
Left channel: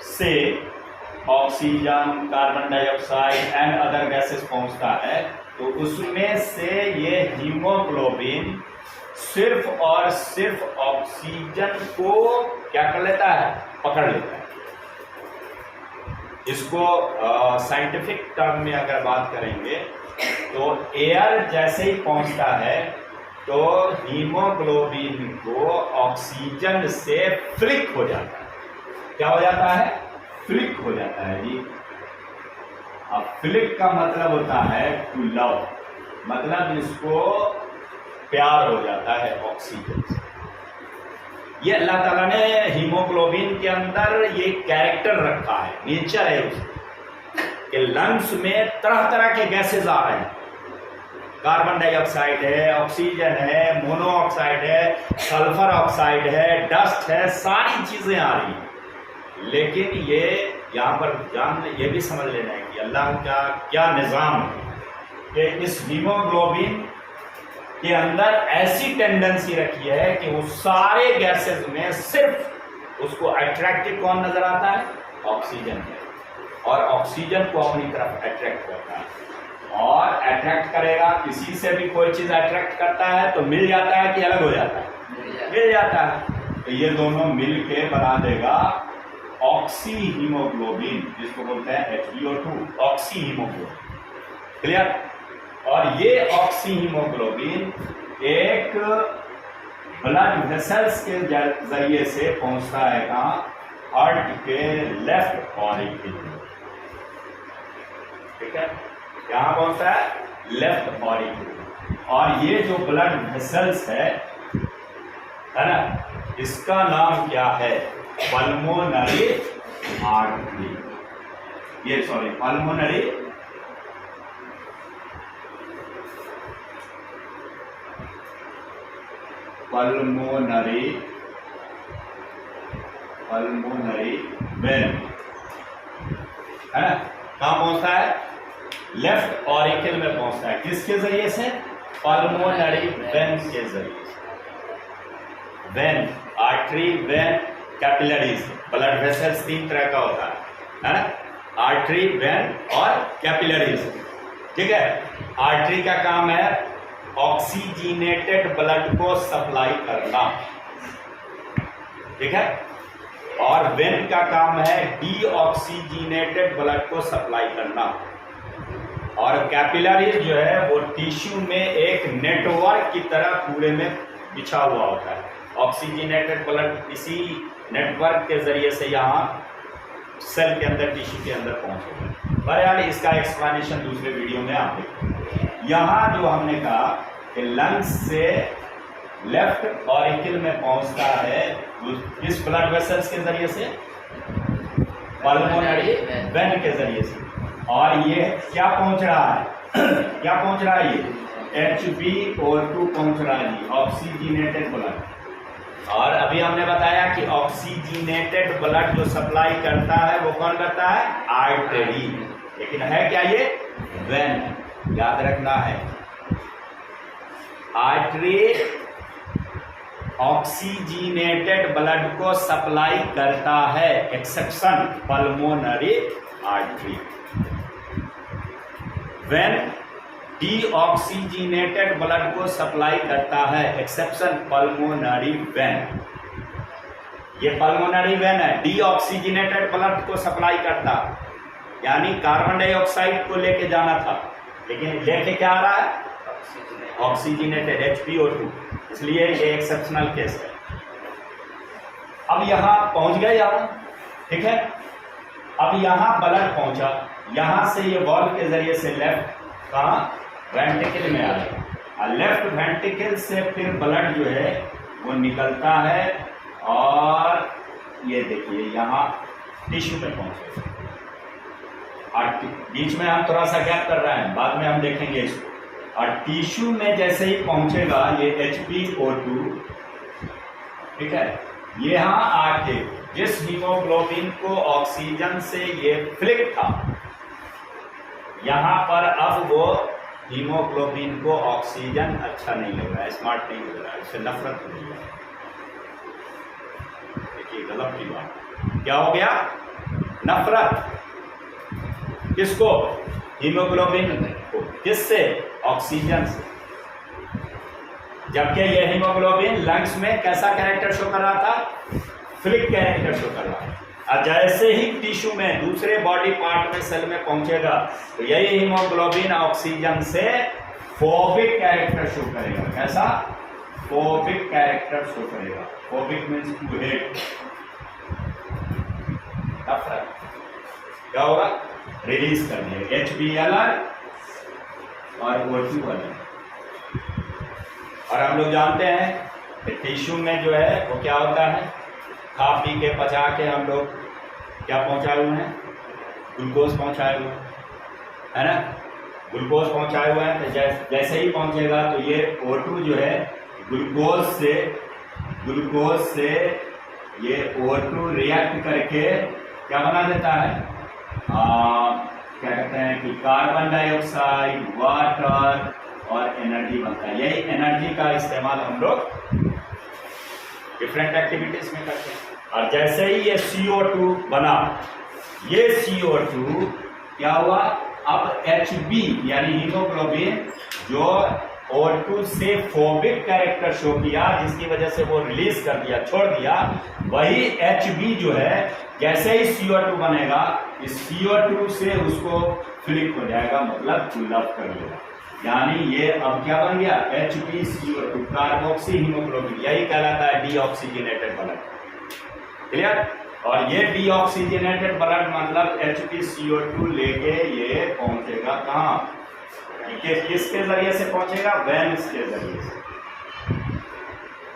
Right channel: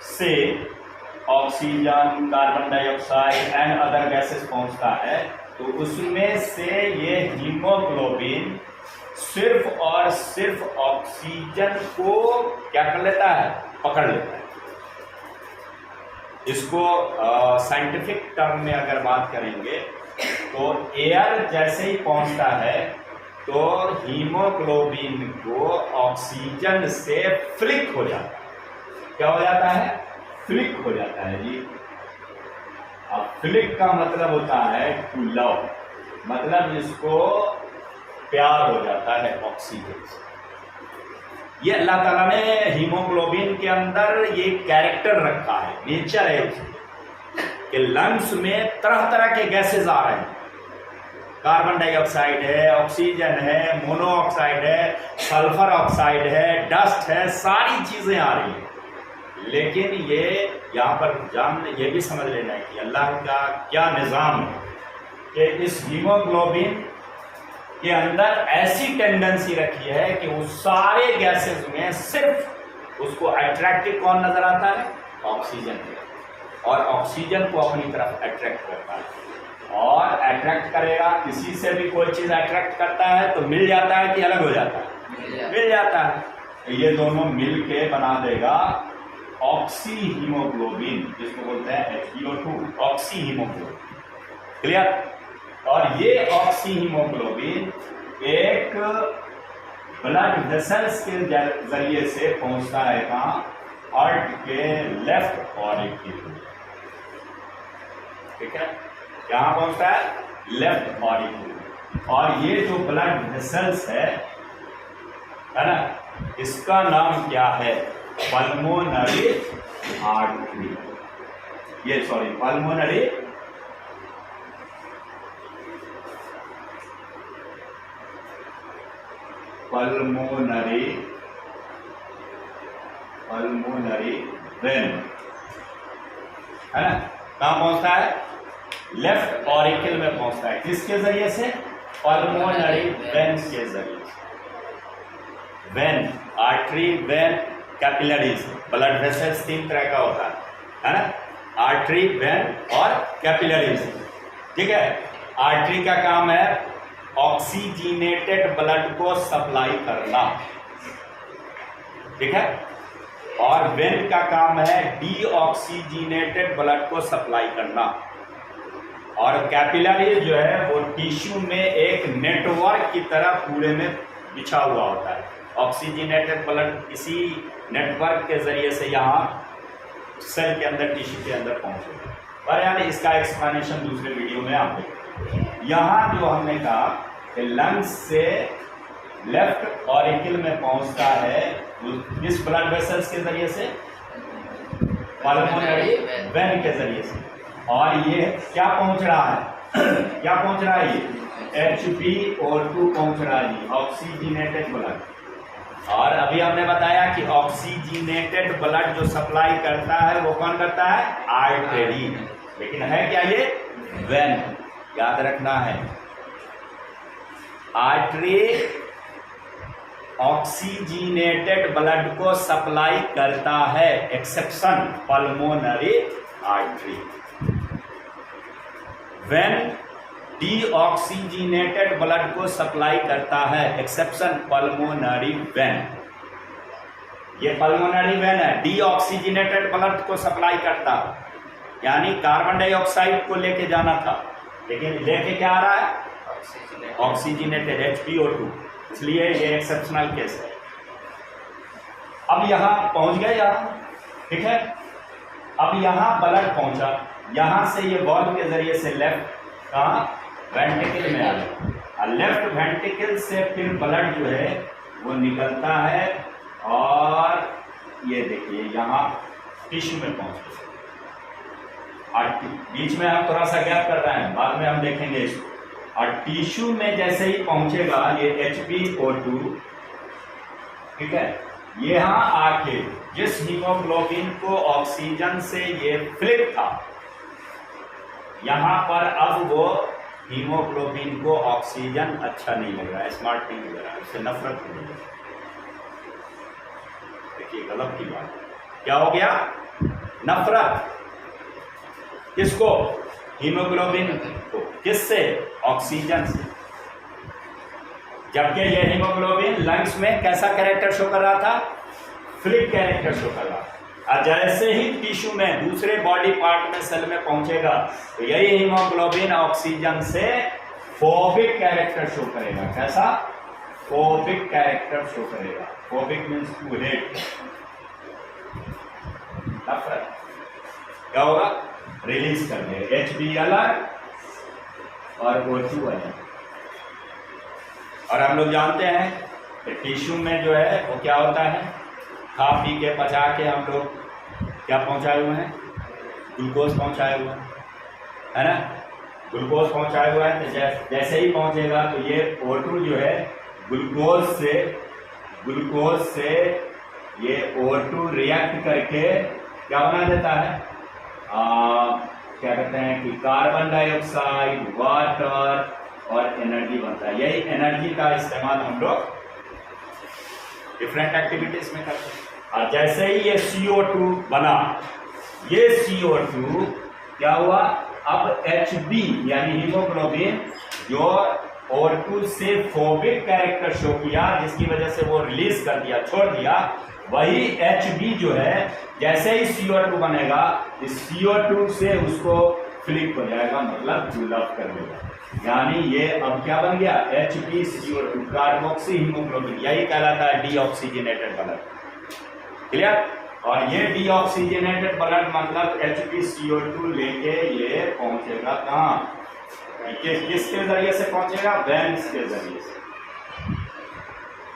से oxygen, carbon dioxide and other gases पहुंचता है, तो उसमें से ये हीमोग्लोबिन सिर्फ और सिर्फ ऑक्सीजन को क्या कर लेता है, पकड़ लेता है। इसको साइंटिफिक टर्म में अगर बात करेंगे तो एयर जैसे ही पहुंचता है तो हीमोग्लोबिन को ऑक्सीजन से फ्लिक हो जाता है। क्या हो जाता है, फ्लिक हो जाता है जी। अब फ्लिक का मतलब होता है टू लव, मतलब इसको प्यार हो जाता है ऑक्सीजन से। ये अल्लाह ताला ने हीमोग्लोबिन के अंदर ये कैरेक्टर रखा है, नेचर है उसकी कि लंग्स में तरह तरह के गैसेज आ रहे हैं। कार्बन डाइऑक्साइड है, ऑक्सीजन है, मोनोऑक्साइड है, सल्फर ऑक्साइड है, डस्ट है, सारी चीज़ें आ रही हैं। लेकिन ये यहाँ पर ये भी समझ लेना है कि अल्लाह का क्या निज़ाम है कि इस हीमोग्लोबिन के अंदर ऐसी टेंडेंसी रखी है कि वो सारे गैसेस में सिर्फ उसको अट्रैक्टिव कौन नजर आता है? ऑक्सीजन, और ऑक्सीजन को अपनी तरफ अट्रैक्ट करता है। और अट्रैक्ट करेगा, किसी से भी कोई चीज़ अट्रैक्ट करता है तो मिल जाता है कि अलग हो जाता है? मिल जाता है। तो ये दोनों मिल के बना देगा ऑक्सी हीमोग्लोबिन, जिसको बोलते हैं HbO2, ऑक्सी हीमोग्लोबिन। क्लियर? और ये ऑक्सी हीमोग्लोबिन एक ब्लड वेसल्स के जरिए से पहुंचता है कहाँ? हार्ट के लेफ्ट ऑरिकल। ठीक है, यहाँ पहुंचता है लेफ्ट ऑरिकल। और ये जो ब्लड वेसल्स है ना, इसका नाम क्या है? Pulmonary artery. ये पल्मोनरी वेन है ना। कहाँ पहुंचता है? लेफ्ट ऑरिकल में पहुंचता है। किसके जरिए से? पल्मोनरी वेन के जरिए से। When, artery, when, capillaries. Blood vessels 3 तरह का होता है ना, आर्टरी, वेन और कैपिलरीज। ठीक है, आर्टरी का काम है ऑक्सीजनेटेड ब्लड को सप्लाई करना, ठीक है, और वेन का काम है डीऑक्सीजनेटेड ब्लड को सप्लाई करना। और कैपिलरीज जो है वो टिश्यू में एक नेटवर्क की तरह पूरे में बिछा हुआ होता है। ऑक्सीजनेटेड ब्लड इसी नेटवर्क के जरिए से यहाँ सेल के अंदर, टिश्यू के अंदर पहुंचेगा। पर यार इसका एक्सप्लेनेशन दूसरे वीडियो में आप देखेंगे। यहाँ जो हमने कहा कि लंग्स से लेफ्ट ऑरिकल में पहुंचता है किस ब्लड वेसल्स के जरिए से? पल्मोनरी वेन के जरिए से। और ये क्या पहुंच रहा है? क्या पहुंच रहा है? ये HbO2 पहुंच रहा है जी, ऑक्सीजनेटेड ब्लड। और अभी हमने बताया कि ऑक्सीजनेटेड ब्लड जो सप्लाई करता है वो कौन करता है? आर्टरी। लेकिन है क्या ये? वेन। याद रखना है, आर्टरी ऑक्सीजनेटेड ब्लड को सप्लाई करता है, exception pulmonary artery. When deoxygenated blood को सप्लाई करता है, एक्सेप्शन पल्मोनरी वेन। ये पल्मोनरी वेन है, डीऑक्सीजनेटेड ब्लड को सप्लाई करता, यानी कार्बन डाइऑक्साइड को लेके जाना था, लेकिन लेके क्या आ रहा है? Oxygenated HbO2। इसलिए ये एक्सेप्शनल केस है। अब यहां पहुंच गए यहाँ, ठीक है। अब यहां ब्लड पहुंचा, यहां से ये वॉल्व के जरिए से लेफ्ट कहाँ? वेंट्रिकल में आया। और लेफ्ट वेंट्रिकल से फिर ब्लड जो है वो निकलता है और ये देखिए यहाँ टिश्यू में पहुंचे। और बीच में हम थोड़ा सा गैप कर रहे हैं, बाद में हम देखेंगे इसको। और टिश्यू में जैसे ही पहुंचेगा ये HbO2, ठीक है, यहाँ आके जिस हीमोग्लोबिन को ऑक्सीजन से ये फ्लिप था, यहाँ पर अब वो हीमोग्लोबिन को ऑक्सीजन अच्छा नहीं लग रहा है, स्मार्ट नहीं लग रहा है, उससे नफरत हो रही है। देखिए गलत की बात, क्या हो गया? नफरत। किसको? हीमोग्लोबिन को। किससे? ऑक्सीजन से। जबकि यह हीमोग्लोबिन लंग्स में कैसा कैरेक्टर शो कर रहा था? फ्लिक कैरेक्टर शो कर रहा है। और जैसे ही टिश्यू में, दूसरे बॉडी पार्ट में, सेल में पहुंचेगा तो यही हीमोग्लोबिन ऑक्सीजन से फोबिक कैरेक्टर शो करेगा। कैसा? फोबिक कैरेक्टर शो करेगा। फोबिक मीन्स टू हेट, नफरत। क्या होगा? रिलीज कर देगा, Hb अलग और O2 अलग। और हम लोग जानते हैं टिश्यू में जो है वो क्या होता है, खा पी के पचा के हम लोग क्या पहुंचाए हुए हैं, ग्लूकोज पहुंचाए हुए हैं, है ना, ग्लूकोज पहुंचाए हुए हैं। तो जैसे ही पहुंचेगा तो ये O2 जो है ग्लूकोज से ये O2 रिएक्ट करके क्या बना देता है, क्या कहते हैं कि कार्बन डाइऑक्साइड, वाटर और एनर्जी बनता है। यही एनर्जी का इस्तेमाल हम लोग डिफरेंट एक्टिविटीज में करते हैं। और जैसे ही ये CO2 बना, ये CO2 क्या हुआ, अब Hb यानी हीमोग्लोबिन जो O2 से फोबिक कैरेक्टर शो किया, जिसकी वजह से वो रिलीज कर दिया, छोड़ दिया, वही Hb जो है जैसे ही CO2 बनेगा, इस CO2 से उसको फ्लिप हो जाएगा, मतलब पुलअप कर लेगा। यानी ये अब क्या बन गया, HbCO2 कार्बोक्सी हीमोग्लोबिन, यही कहलाता है डीऑक्सीजनेटेड ब्लड। क्लियर। और ये डीऑक्सीजनेटेड ब्लड मतलब HbCO2 लेके ये पहुंचेगा कहाँ, किसके जरिए से पहुंचेगा, वेन्स के जरिए से।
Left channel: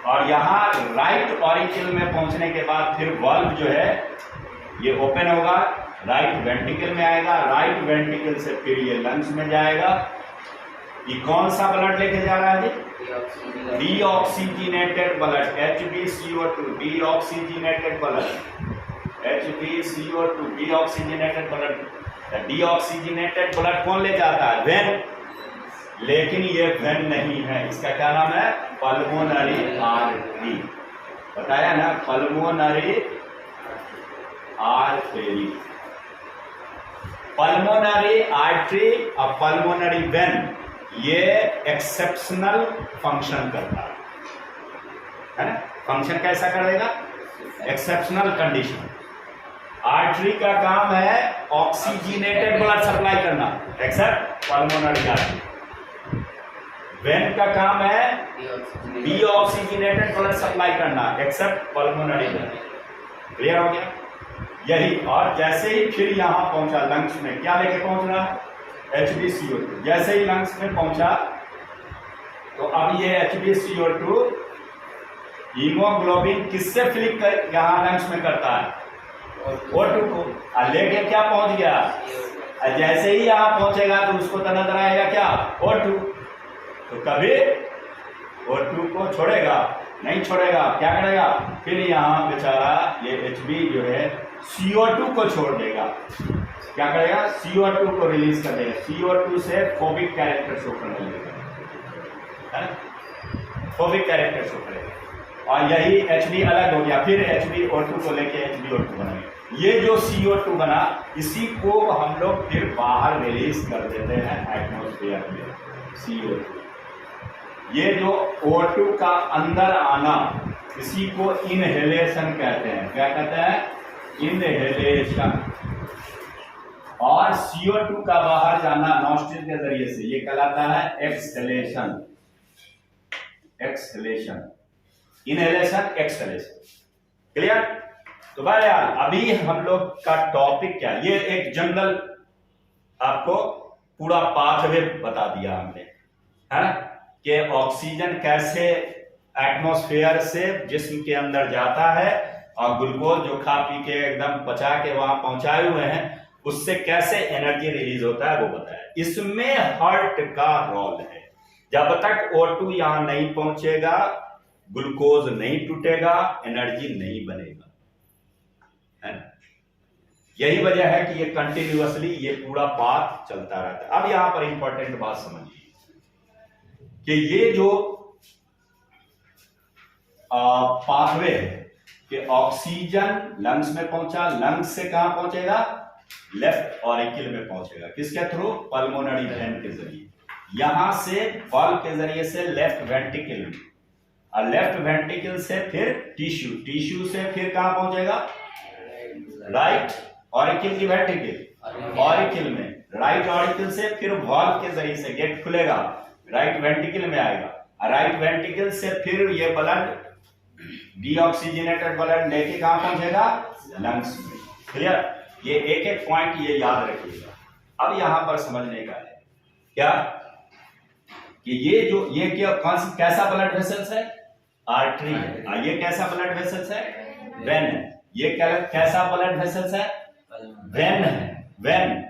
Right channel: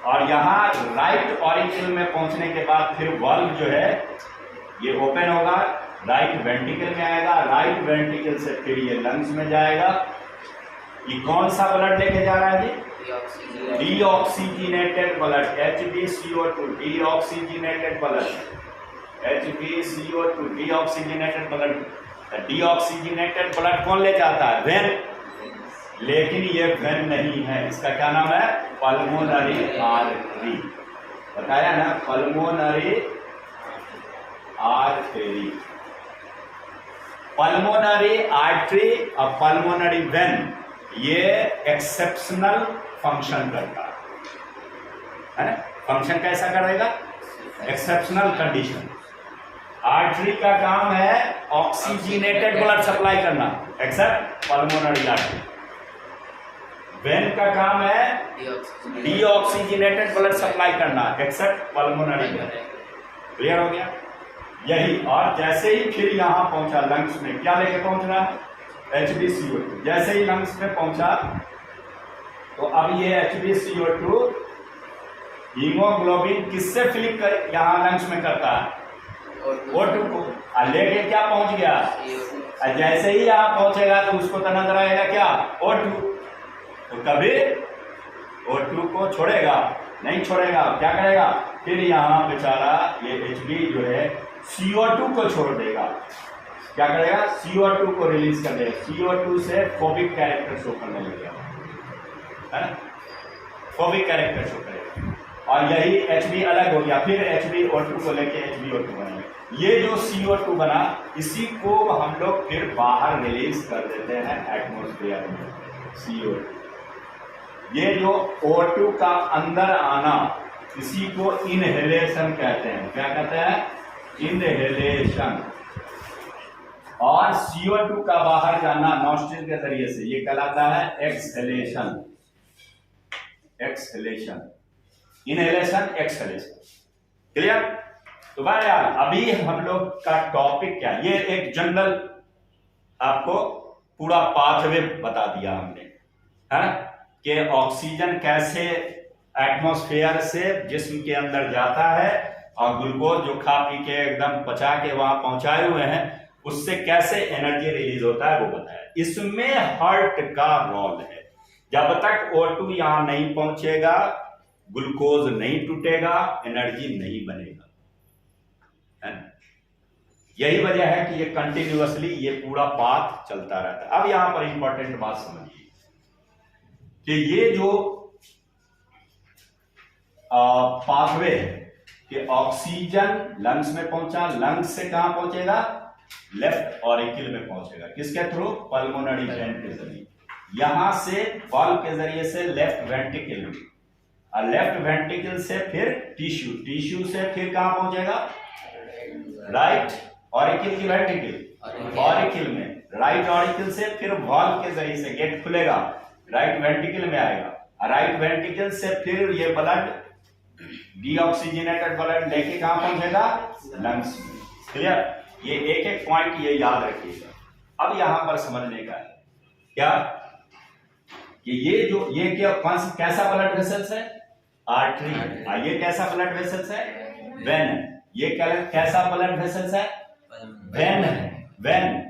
और यहाँ राइट ऑरिकल में पहुंचने के बाद फिर वाल्व जो है ये ओपन होगा, राइट वेंट्रिकल में आएगा, राइट वेंट्रिकल से फिर ये लंग्स में जाएगा। ये कौन सा ब्लड लेके जा रहा है जी, deoxygenated blood, HbCO2 deoxygenated blood, HbCO2 deoxygenated blood. Deoxygenated blood कौन ले जाता है, वेन, लेकिन ये वेन नहीं है, इसका क्या नाम है, पल्मोनरी आर्टरी। बताया ना, पल्मोनरी आर्टरी, पल्मोनरी आर्टरी और पल्मोनरी वेन, ये एक्सेप्शनल फंक्शन करता है ना। फंक्शन कैसा करेगा, एक्सेप्शनल कंडीशन। आर्टरी का काम है ऑक्सीजनेटेड ब्लड सप्लाई करना, एक्सेप्ट पल्मोनरी आर्टरी। वेन का काम है डीऑक्सीजनेटेड ब्लड सप्लाई करना, एक्सेप्ट पल्मोनरी वेन। क्लियर हो गया यही। और जैसे ही फिर यहां पहुंचा लंग्स में, क्या लेके पहुंच रहा है, HbCO2। जैसे ही लंग्स में पहुंचा तो अब ये HbCO2 हीमोग्लोबिन किससे फिलिप कर यहां लंग्स में करता है, O2 को, और लेके क्या पहुंच गया, जैसे ही यहां पहुंचेगा तो उसको तो नजर आएगा क्या, O2, तो कभी O2 को छोड़ेगा नहीं, छोड़ेगा, क्या करेगा, फिर यहां बेचारा ये Hb जो है CO2 को छोड़ देगा, क्या करेगा, CO2 को रिलीज कर देगा, CO2 से फोबिक कैरेक्टर शो करने लगेगा, है ना, फोबिक कैरेक्टर शो करेगा। और यही Hb अलग हो गया, फिर HbO2 को लेके HbO2 बनेगा। ये जो CO2 बना, इसी को हम लोग फिर बाहर रिलीज कर देते हैं एटमॉस्फेयर में, CO2। ये जो O2 का अंदर आना, इसी को इनहेलेशन कहते हैं। क्या कहते हैं, इनहेलेशन। और CO2 का बाहर जाना नॉस्ट्रिल के जरिए से, ये कहलाता है exhalation. Exhalation, inhalation, exhalation. Clear. तो भाई यार, अभी हम लोग का टॉपिक क्या, ये एक जनरल आपको पूरा पाथवे बता दिया हमने, है ना, कि ऑक्सीजन कैसे एटमॉस्फेयर से जिस्म के अंदर जाता है, और ग्लूकोज जो खा पी के एकदम पचा के वहां पहुंचाए हुए हैं, उससे कैसे एनर्जी रिलीज होता है वो बताया। इसमें हार्ट का रोल है। जब तक O2 यहां नहीं पहुंचेगा, ग्लूकोज नहीं टूटेगा, एनर्जी नहीं बनेगा, है ना। यही वजह है कि ये कंटिन्यूअसली ये पूरा पाथ चलता रहता है। अब यहां पर इंपॉर्टेंट बात समझिए कि ये जो पाथवे है कि ऑक्सीजन लंग्स में पहुंचा, लंग्स से कहां पहुंचेगा, लेफ्ट ऑरिकल में पहुंचेगा, किसके थ्रू, पल्मोनरी वेन के जरिए। यहां से वाल्व के जरिए से लेफ्ट वेंट्रिकल में, और लेफ्ट वेंट्रिकल से फिर टिश्यू, टिश्यू से फिर कहां पहुंचेगा, राइट ऑरिकल की वेंट्रिकल, ऑरिकल में, राइट ऑरिकल से फिर वाल्व के जरिए से गेट खुलेगा, राइट वेंट्रिकल में आएगा, राइट वेंट्रिकल से फिर ये ब्लड डीऑक्सीजनेटेड ब्लड लेके कहां पहुंचेगा, लंग्स में। क्लियर। ये एक एक पॉइंट ये याद रखिएगा। अब यहां पर समझने का है क्या कि ये जो ये क्या कैसा ब्लड वेसल्स है, आर्टरी है। ये कैसा ब्लड वेसल्स है? वेन है। ये कैसा ब्लड वेसल्स है? वेन है। वेन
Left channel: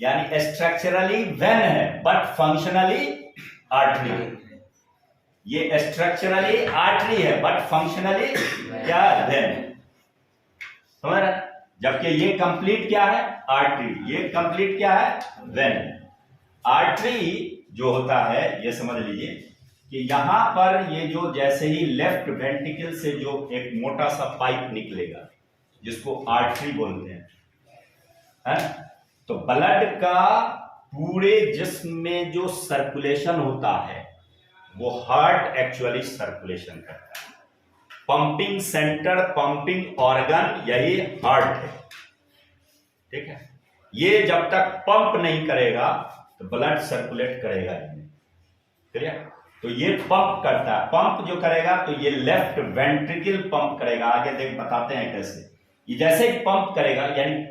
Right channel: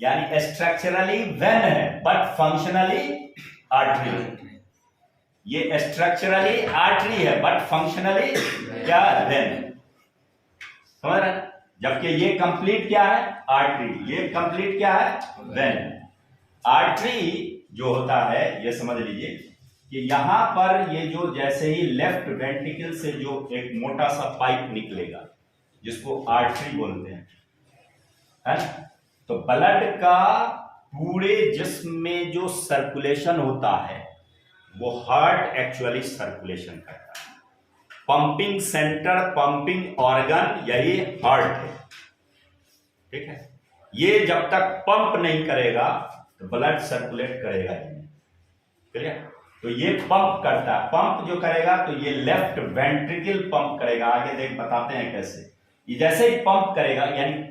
यानी स्ट्रक्चरली वेन है बट फंक्शनली आर्टरी। ये स्ट्रक्चरली आर्टरी है बट फंक्शनली क्या है? वेन। समझ रहे? जबकि ये कंप्लीट क्या है? आर्टरी। ये कंप्लीट क्या है? वेन। आर्टरी जो होता है ये समझ लीजिए कि यहां पर ये जो जैसे ही लेफ्ट वेंट्रिकल से जो एक मोटा सा पाइप निकलेगा जिसको आर्टरी बोलते हैं, है? तो ब्लड का पूरे जिस्म में जो सर्कुलेशन होता है वो हार्ट एक्चुअली सर्कुलेशन करता है। पंपिंग सेंटर, पंपिंग ऑर्गन यही हार्ट है। ठीक है? ये जब तक पंप नहीं करेगा तो ब्लड सर्कुलेट करेगा नहीं। क्लियर? तो ये पंप करता है। पंप जो करेगा तो ये लेफ्ट वेंट्रिकल पंप करेगा। आगे देख बताते हैं कैसे। ये जैसे ही पंप करेगा, यानी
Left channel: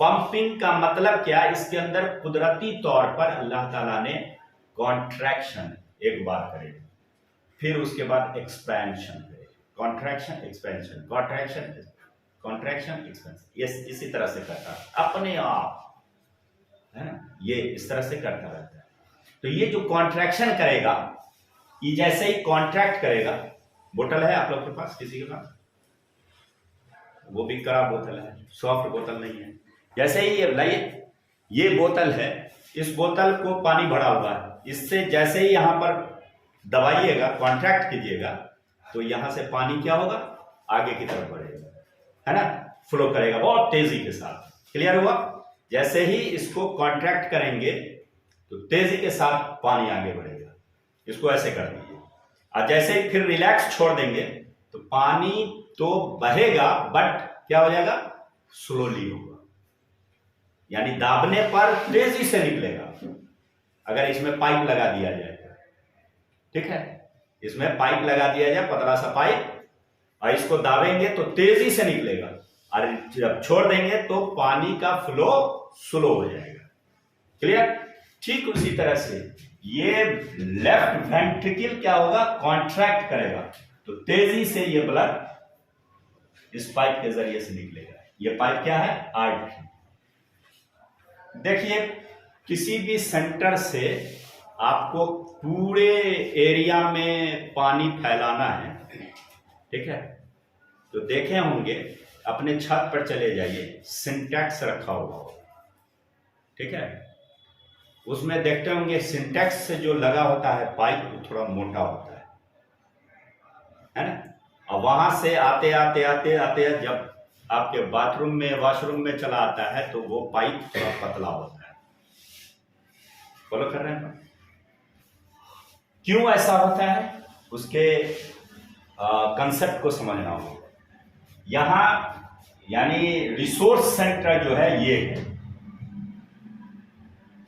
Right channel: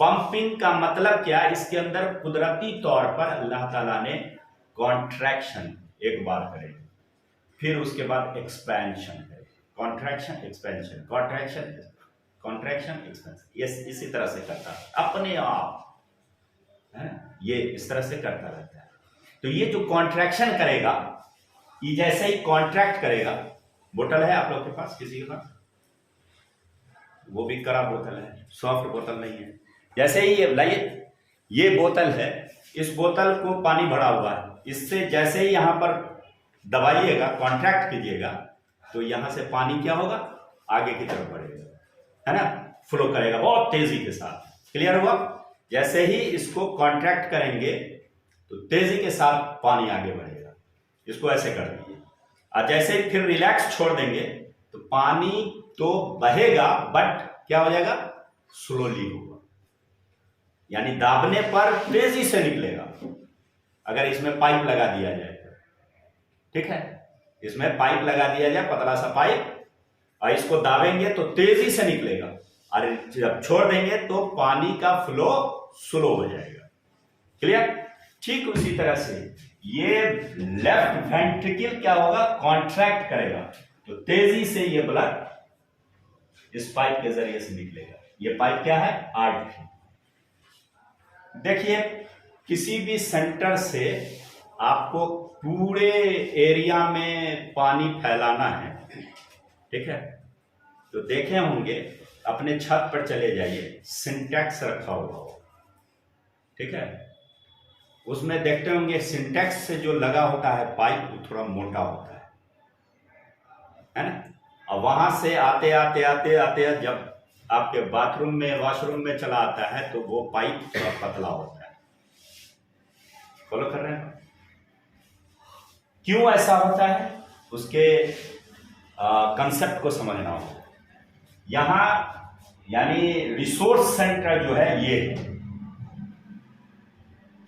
पंपिंग का मतलब क्या? इसके अंदर कुदरती तौर पर अल्लाह ताला ने कॉन्ट्रैक्शन एक बार करेगा, फिर उसके बाद एक्सपेंशन करेगा। Contraction expansion, contraction contraction expansion, इसी तरह से करता है अपने आप, है ना? ये इस तरह से करता रहता है। तो ये जो कॉन्ट्रैक्शन करेगा, ये जैसे ही कॉन्ट्रैक्ट करेगा, बोतल है आप लोग के पास, किसी के पास? वो भी खराब बोतल है, सॉफ्ट बोतल नहीं है। जैसे ही ये बोतल है, इस बोतल को पानी भरा हुआ है, इससे जैसे ही यहां पर दबाइएगा, कॉन्ट्रैक्ट कीजिएगा, तो यहां से पानी क्या होगा? आगे की तरफ बढ़ेगा, है ना? फ्लो करेगा बहुत तेजी के साथ। क्लियर हुआ? जैसे ही इसको कॉन्ट्रैक्ट करेंगे तो तेजी के साथ पानी आगे बढ़ेगा। इसको ऐसे कर दीजिए। और जैसे ही फिर रिलैक्स छोड़ देंगे तो पानी तो बहेगा बट क्या हो जाएगा? स्लोली होगा, यानी दाबने पर तेजी से निकलेगा। अगर इसमें पाइप लगा दिया जाए तो, ठीक है, इसमें पाइप लगा दिया जाए, पतला सा पाइप, और इसको दाबेंगे तो तेजी से निकलेगा, और जब छोड़ देंगे तो पानी का फ्लो स्लो हो जाएगा। क्लियर? ठीक उसी तरह से ये लेफ्ट वेंट्रिकल क्या होगा? कॉन्ट्रैक्ट करेगा, तो तेजी से ये ब्लड इस पाइप के जरिए से निकलेगा। ये पाइप क्या है? आर्टरी। देखिए, किसी भी सेंटर से आपको पूरे एरिया में पानी फैलाना है, ठीक है? तो देखे होंगे, अपने छत पर चले जाइए, सिंटेक्स रखा हुआ हो, ठीक है? उसमें देखते होंगे सिंटेक्स से जो लगा होता है पाइप, वो थोड़ा मोटा होता है ना? और वहां से आते आते आते आते जब आपके बाथरूम में, वॉशरूम में चला आता है तो वो पाइप थोड़ा पतला होता है। फॉलो कर रहे हैं? क्यों ऐसा होता है? उसके कंसेप्ट को समझना होगा। यहां यानी रिसोर्स सेंटर जो है ये है,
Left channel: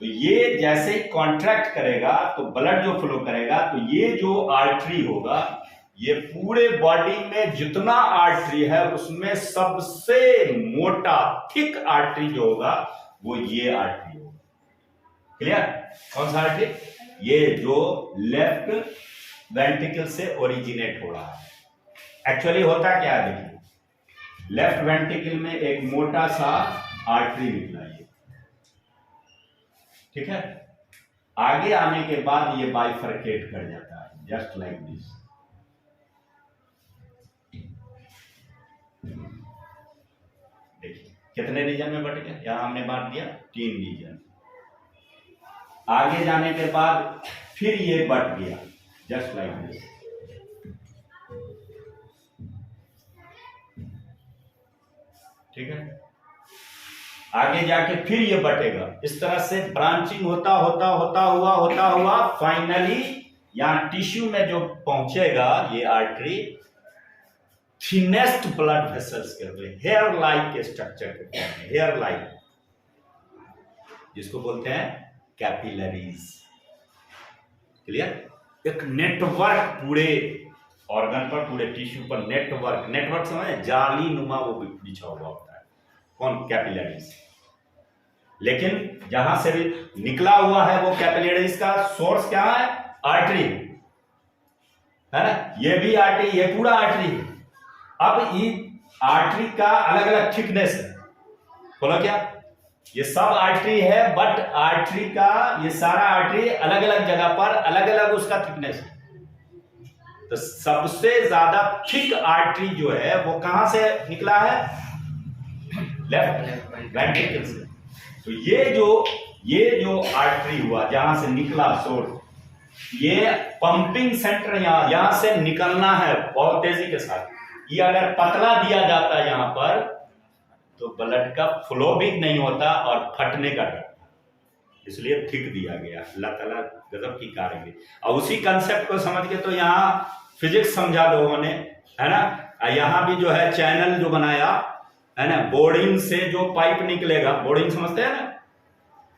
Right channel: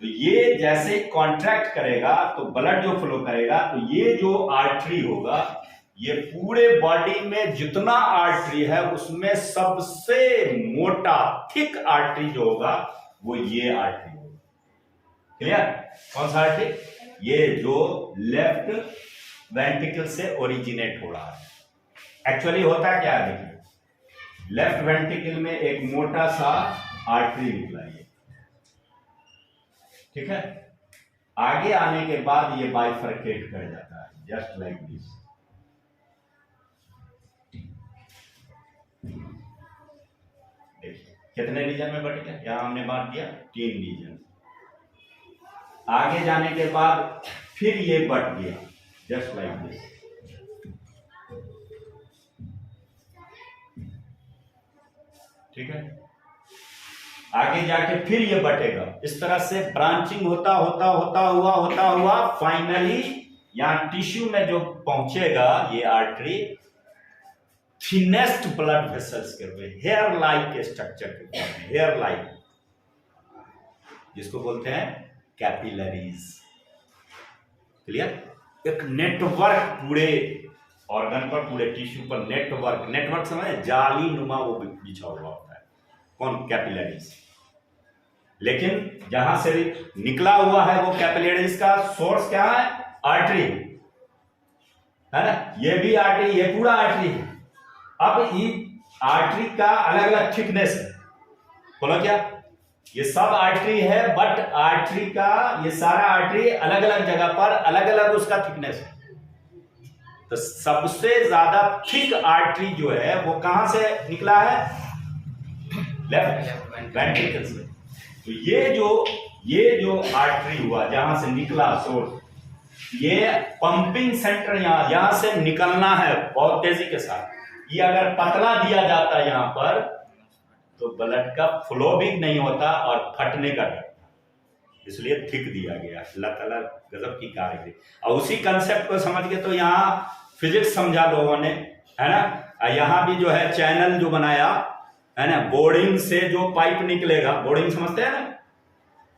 तो ये जैसे कॉन्ट्रैक्ट करेगा तो ब्लड जो फ्लो करेगा, तो ये जो आर्टरी होगा, ये पूरे बॉडी में जितना आर्टरी है उसमें सबसे मोटा थिक आर्टरी जो होगा वो ये आर्टरी होगा। क्लियर? कौन सा आर्टरी? ये जो लेफ्ट वेंट्रिकल से ओरिजिनेट हो रहा है। एक्चुअली होता क्या है? देखिए, लेफ्ट वेंट्रिकल में एक मोटा सा आर्टरी निकला, ये ठीक है? आगे आने के बाद ये बाइफरकेट कर जाता है, जस्ट लाइक दिस। देखिए कितने रीजन में बट गया, यहां हमने बांट दिया 3 रीजन। आगे जाने के बाद फिर ये बट गया, जस्ट लाइक दिस। ठीक है? आगे जाके फिर ये बटेगा। इस तरह से ब्रांचिंग होता होता होता हुआ फाइनली यहां टिश्यू में जो पहुंचेगा ये आर्टरी, थिनेस्ट ब्लड वेसल्स के रूप में, हेयर लाइक स्ट्रक्चर के फॉर्म में, हेयर लाइक, जिसको बोलते हैं कैपिलरीज। क्लियर? एक नेटवर्क पूरे ऑर्गन पर, पूरे टिश्यू पर नेटवर्क समझे? जाली नुमा वो बिछा हुआ होता है। कौन? कैपिलरीज। लेकिन जहां से निकला हुआ है वो कैपिलरीज का सोर्स क्या है? आर्टरी, है ना, ये भी आर्टरी, ये पूरा आर्टरी है। अब ये आर्टरी का अलग अलग थिकनेस है, बोलो क्या, ये सब आर्टरी है, बट आर्टरी का ये सारा आर्टरी अलग अलग जगह पर अलग अलग उसका थिकनेस है। तो सबसे ज्यादा थिक आर्टरी जो है वो कहां से निकला है, लेफ्ट वेंट्रिकल से। तो ये जो आर्टरी हुआ जहां से निकला सोर्स, ये पंपिंग सेंटर यहां से निकलना है बहुत तेजी के साथ। ये अगर पतला दिया जाता है यहां पर तो ब्लड का फ्लो भी नहीं होता और फटने का डर, इसलिए थिक दिया गया। अल्लाह ताला गजब की कारीगरी। और उसी कंसेप्ट को समझ के तो यहाँ फिजिक्स समझा लोगों ने, है ना। यहाँ भी जो है चैनल जो बनाया है ना, बोरिंग से जो पाइप निकलेगा, बोरिंग समझते हैं ना,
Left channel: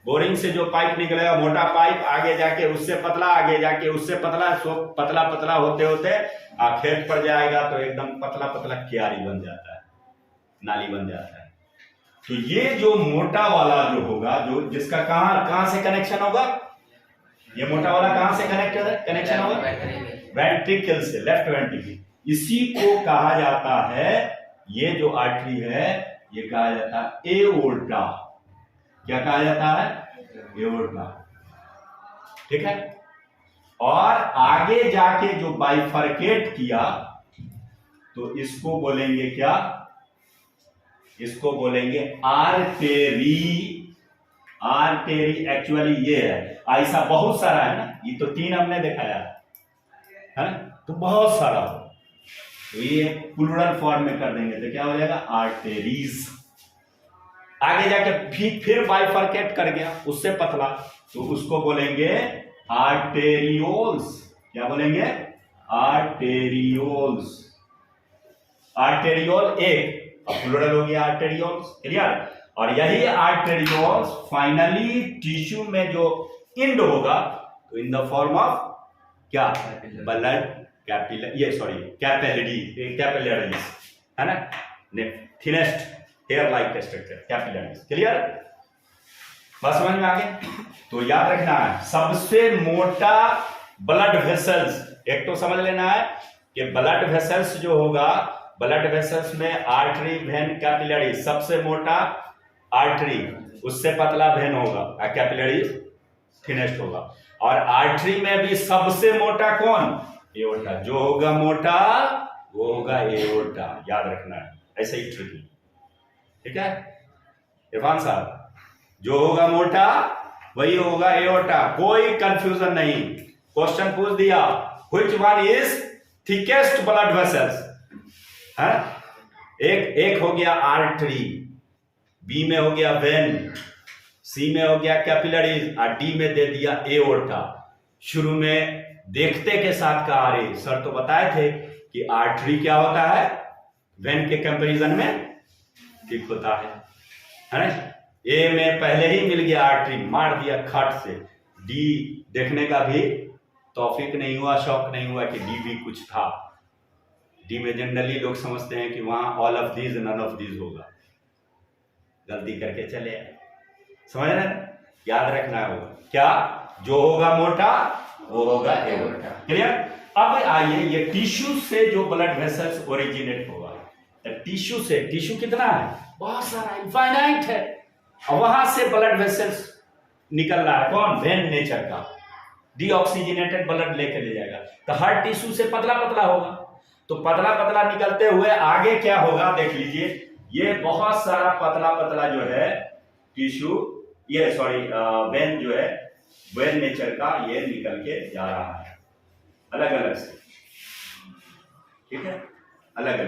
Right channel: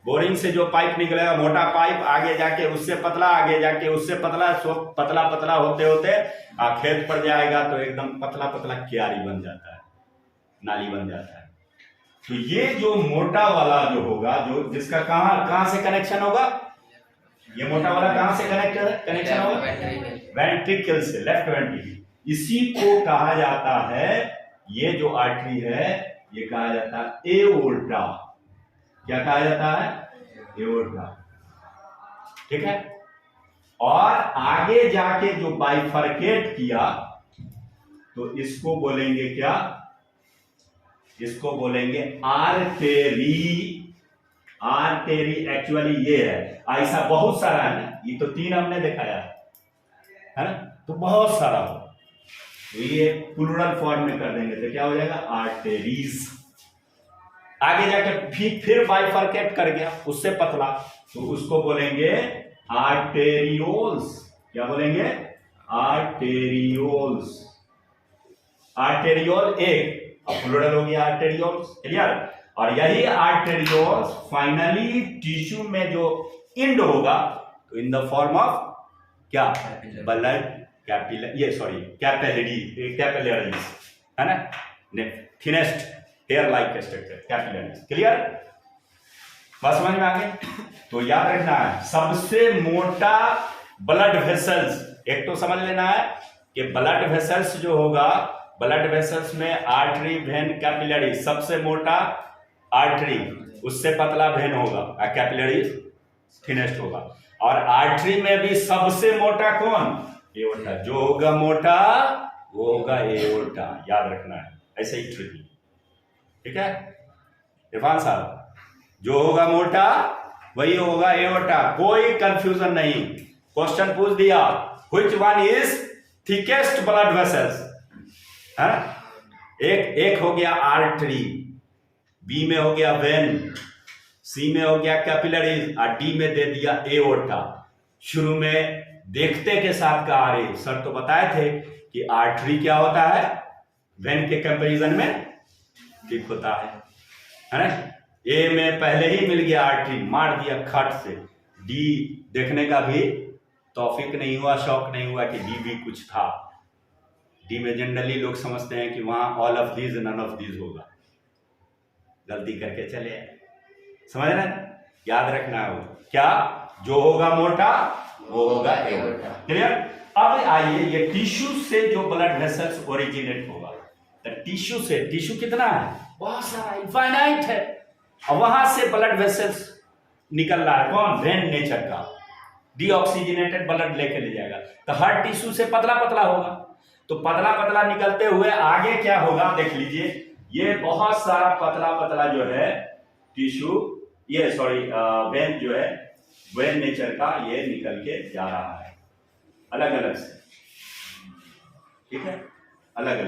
बोरिंग से जो पाइप निकलेगा, मोटा पाइप आगे जाके उससे पतला, आगे जाके उससे पतला, सो पतला पतला होते होते खेत पर जाएगा तो एकदम पतला पतला क्यारी बन जाता है, नाली बन जाता है। तो ये जो मोटा वाला जो होगा, जो जिसका कहां से कनेक्शन होगा, ये मोटा वाला कहां से कनेक्शन होगा, वेंट्रिकल से, लेफ्ट वेंट्रिकल। इसी को कहा जाता है, ये जो आर्टरी है ये कहा जाता है एओर्टा। क्या कहा जाता है, एओर्टा, ठीक है। और आगे जाके जो बाइफरकेट किया तो इसको बोलेंगे क्या, इसको बोलेंगे आर्टेरी। आर्टेरी एक्चुअली ये है, ऐसा बहुत सारा है ना, ये तो 3 हमने दिखाया है ना, तो बहुत सारा हो, तो ये प्लूरल फॉर्म में कर देंगे तो क्या हो जाएगा, आर्टेरीज। आगे जाके फिर बाइफरकेट कर गया, उससे पतला, तो उसको बोलेंगे आर्टेरियोल्स। क्या बोलेंगे, आर्टेरियोल्स। आर्टेरियोल एक, अब प्लूरल हो गया आर्टेरियोल्स, क्लियर। और यही आर्टेरियोल्स फाइनली टिश्यू में जो इंड होगा तो इन द फॉर्म ऑफ क्या, ब्लड कैपिलरीज, है ना, thinnest hair like structure, capillaries, clear. बात समझ में आ गई। तो याद रखना है सबसे मोटा ब्लड वेसल्स, एक तो समझ लेना है कि ब्लड वेसल्स जो होगा, ब्लड वेसल्स में आर्टरी, वेन, कैपिलरी, सबसे मोटा आर्टरी, उससे पतला वेन होगा, कैपिलरी थिनेस्ट होगा। और आर्टरी में भी सबसे मोटा कौन, एओर्टा। जो होगा मोटा वो होगा एओर्टा, याद रखना है, ऐसे ही ट्रिकी, ठीक है इरफान साहब। जो होगा मोटा वही होगा एओर्टा, कोई कंफ्यूजन नहीं। क्वेश्चन पूछ दिया, which one is thickest blood vessels, है ना। एक हो गया आर्टरी, बी में हो गया वेन, सी में हो गया कैपिलरीज, और डी में दे दिया एओर्टा। शुरू में देखते के साथ कहा, अरे सर तो बताए थे कि आर्टरी क्या होता है, वेन के कंपैरिजन में ठीक होता है ना। ए में पहले ही मिल गया आर्टरी, मार दिया खट से। डी देखने का भी तौफीक नहीं हुआ, शौक नहीं हुआ कि डी भी कुछ था। डी में जनरली लोग समझते हैं कि वहां all of these none of these होगा, गलती करके चले आए, समझ रहे हैं। याद रखना है वो क्या, जो होगा मोटा वो होगा एओर्टा, क्लियर। अब आइए, ये टिश्यू से जो ब्लड वेसल्स ओरिजिनेट होगा, टिश्यू से, टिश्यू कितना है, बहुत सारा, इनफाइनाइट है, और वहां से ब्लड वेसल्स निकल रहा है, कौन, वेन नेचर का, डीऑक्सीजनेटेड ब्लड लेके ले जाएगा। तो हर टिश्यू से पतला पतला होगा, तो पतला पतला निकलते हुए आगे क्या होगा देख लीजिए, ये बहुत सारा पतला पतला जो है टिश्यू, ये सॉरी वेन जो है, वेन नेचर का, ये निकल के जा रहा है अलग अलग से, ठीक है, अलग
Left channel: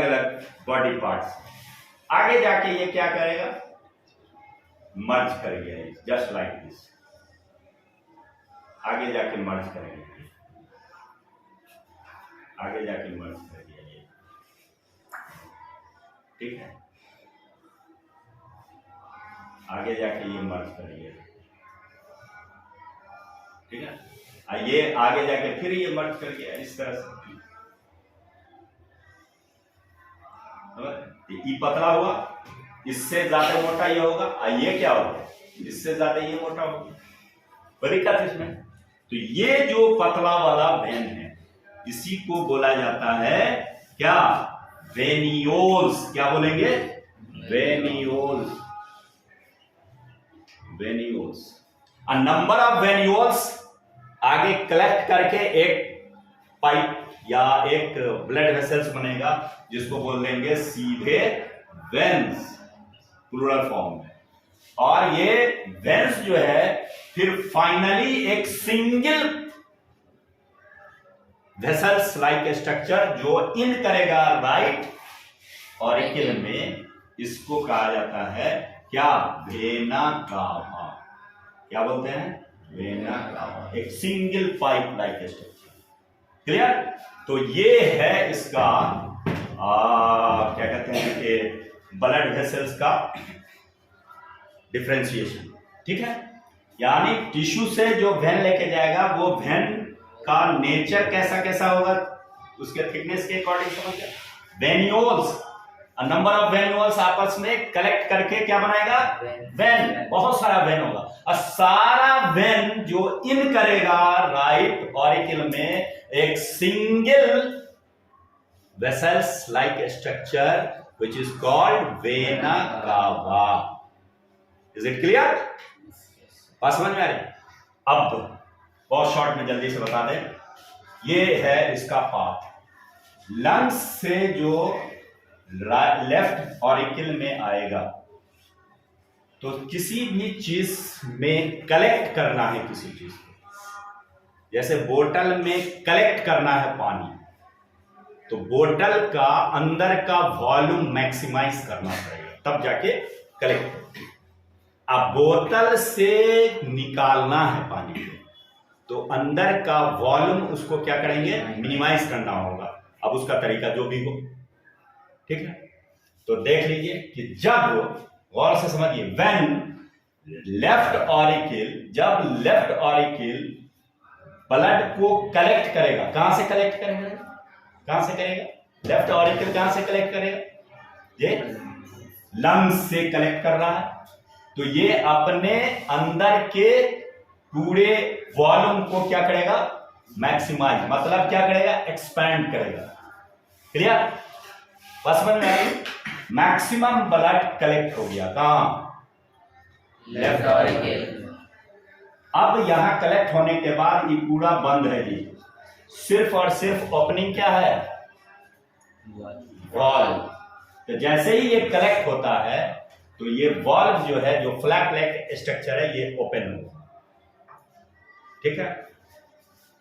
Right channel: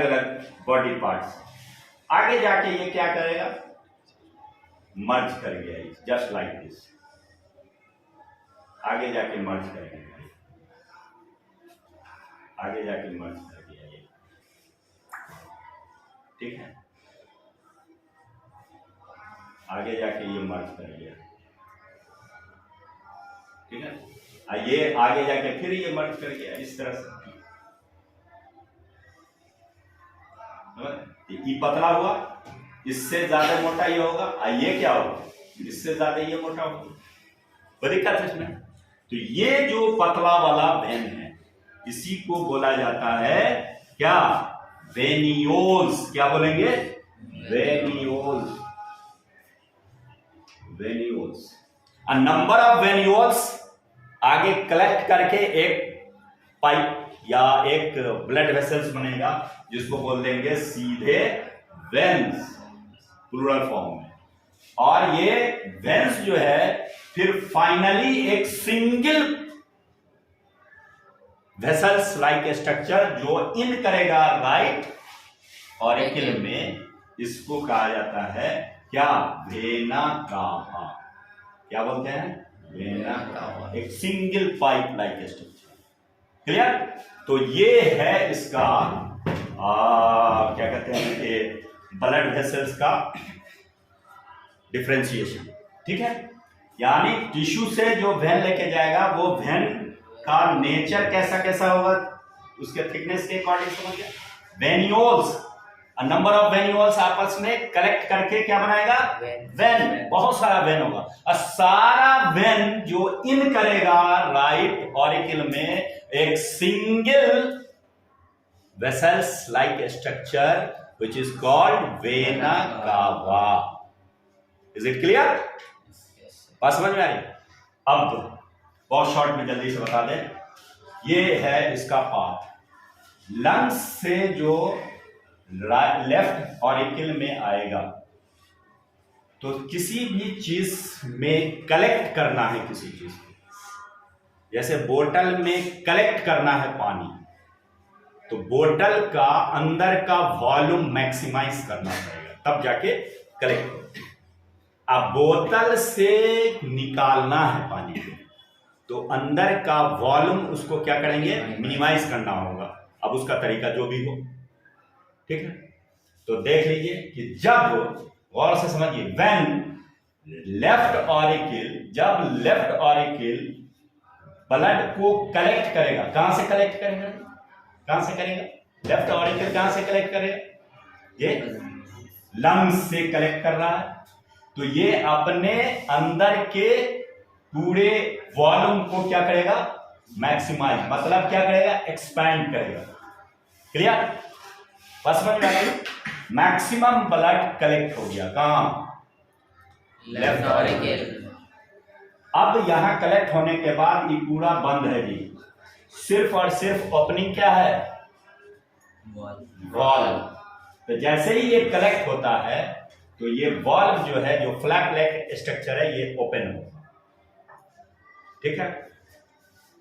अलग बॉडी पार्ट्स। आगे जाके ये क्या करेगा, मर्ज कर गया, जस्ट लाइक दिस, आगे जाके मर्ज करेंगे, आगे जाके मर्ज कर गया ये, ठीक है, आगे जाके ये मर्ज कर गया, ठीक है। ये आगे जाके फिर ये मर्ज कर गया इस तरह से, ये पतला हुआ, इससे ज्यादा मोटा ये होगा, और ये क्या होगा, इससे ज्यादा ये मोटा होगा, कोई दिक्कत है इसमें, तो ये जो पतला वाला वेन है इसी को बोला जाता है क्या? वेन्यूल्स। क्या बोलेंगे? Venules. Venules. A number of venules आगे कलेक्ट करके एक पाइप या एक ब्लड वेसल्स बनेगा जिसको बोल देंगे सीधे वेन्स, प्लूरल फॉर्म में। और ये वेन्स जो है फिर फाइनली एक सिंगल वेसल्स लाइक स्ट्रक्चर जो इन करेगा राइट ऑरिकल में, इसको कहा जाता है क्या? Vena cava. क्या बोलते हैं? Vena cava. एक single pipe like structure. Clear? तो ये है इसका क्या कहते हैं कि ब्लड वेसल्स का डिफरेंशिएशन। ठीक है? यानी टिश्यू से जो वेन लेके जाएगा वो वेन का नेचर कैसा कैसा होगा उसके थिकनेस के अकॉर्डिंग समझ गया। वेन्यूल्स, नंबर ऑफ वेन्यूल्स आपस में कलेक्ट करके क्या बनाएगा? वेन। बहुत सारा वेन होगा और सारा वेन जो इन करेगा राइट ऑरिकल में एक single vessels like structure which is called vena cava. Is it clear? बात समझ में आ रही? अब बहुत शॉर्ट में जल्दी से बता दें, ये है इसका पाथ। लंग्स से जो लेफ्ट ऑरिकल में आएगा तो किसी भी चीज में कलेक्ट करना है किसी चीज को, जैसे बोतल में कलेक्ट करना है पानी तो बोतल का अंदर का वॉल्यूम मैक्सिमाइज करना पड़ेगा तब जाके कलेक्ट हो। अब बोतल से निकालना है पानी को तो अंदर का वॉल्यूम उसको क्या करेंगे? मिनिमाइज करना होगा। अब उसका तरीका जो भी हो, ठीक है? तो देख लीजिए कि जब, गौर से समझिए, व्हेन लेफ्ट ऑरिकल, जब लेफ्ट ऑरिकल ब्लड को कलेक्ट करेगा, कहां से कलेक्ट करेगा? कहां से करेगा? लेफ्ट ऑरिकल कहां से कलेक्ट करेगा? ये लंग्स से कलेक्ट कर रहा है तो ये अपने अंदर के पूरे वॉल्यूम को क्या करेगा? मैक्सिमाइज, मतलब क्या करेगा? एक्सपैंड करेगा। क्लियर? बस समझ में आ गई? मैक्सिमम ब्लड कलेक्ट हो गया कहां? Left auricle. अब यहां कलेक्ट होने के बाद ये पूरा बंद है जी, सिर्फ और सिर्फ ओपनिंग क्या है? वॉल्व। तो जैसे ही ये कलेक्ट होता है तो ये वॉल्व जो है, जो फ्लैप लाइक स्ट्रक्चर है, ये ओपन होगा। ठीक है?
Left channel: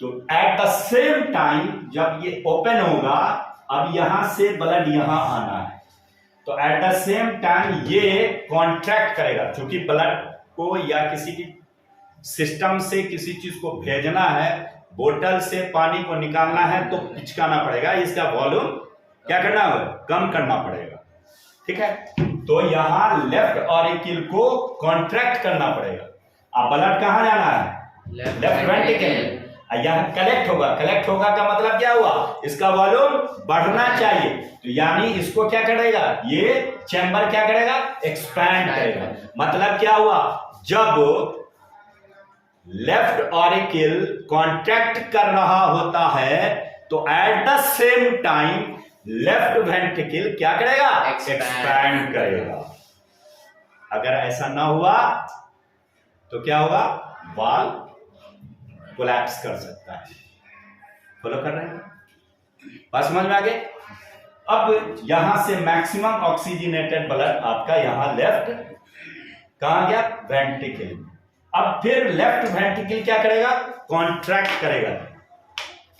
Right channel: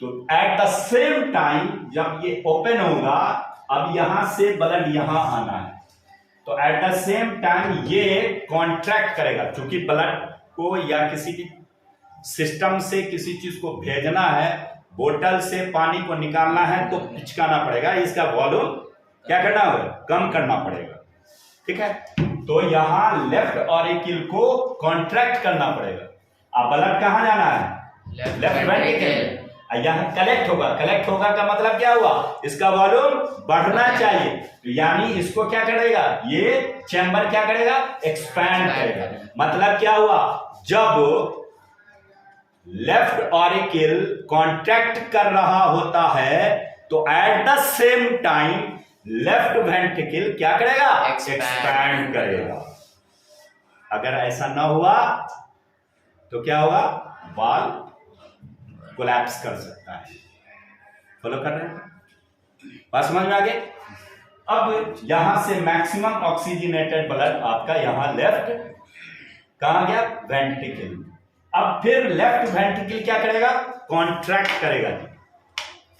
तो एट द सेम टाइम जब ये ओपन होगा, अब यहां से ब्लड यहां आना है तो एट द सेम टाइम ये कॉन्ट्रैक्ट करेगा, क्योंकि ब्लड को या किसी भी सिस्टम से किसी चीज को भेजना है, बोतल से पानी को निकालना है तो पिचकाना पड़ेगा, इसका वॉल्यूम क्या करना होगा? कम करना पड़ेगा। ठीक है? तो यहां लेफ्ट ऑरिकल को कॉन्ट्रैक्ट करना पड़ेगा। अब ब्लड कहां जाना है? Left ventricle. यहां कलेक्ट होगा, कलेक्ट होगा का मतलब क्या हुआ? इसका वॉल्यूम बढ़ना चाहिए तो यानी इसको क्या करेगा? ये चैम्बर क्या करेगा? एक्सपैंड करेगा। मतलब क्या हुआ? जब लेफ्ट ऑरिकल कॉन्ट्रैक्ट कर रहा होता है तो at the same time left ventricle क्या करेगा? एक्सपैंड करेगा। अगर ऐसा ना हुआ तो क्या होगा? वाल्व कोलैप्स कर सकता है। फॉलो कर रहे हैं? बात समझ में आ गई? अब यहां से मैक्सिमम ऑक्सीजनेटेड ब्लड आपका यहां लेफ्ट कहां गया? वेंट्रिकल। अब फिर लेफ्ट वेंट्रिकल क्या करेगा? कॉन्ट्रैक्ट करेगा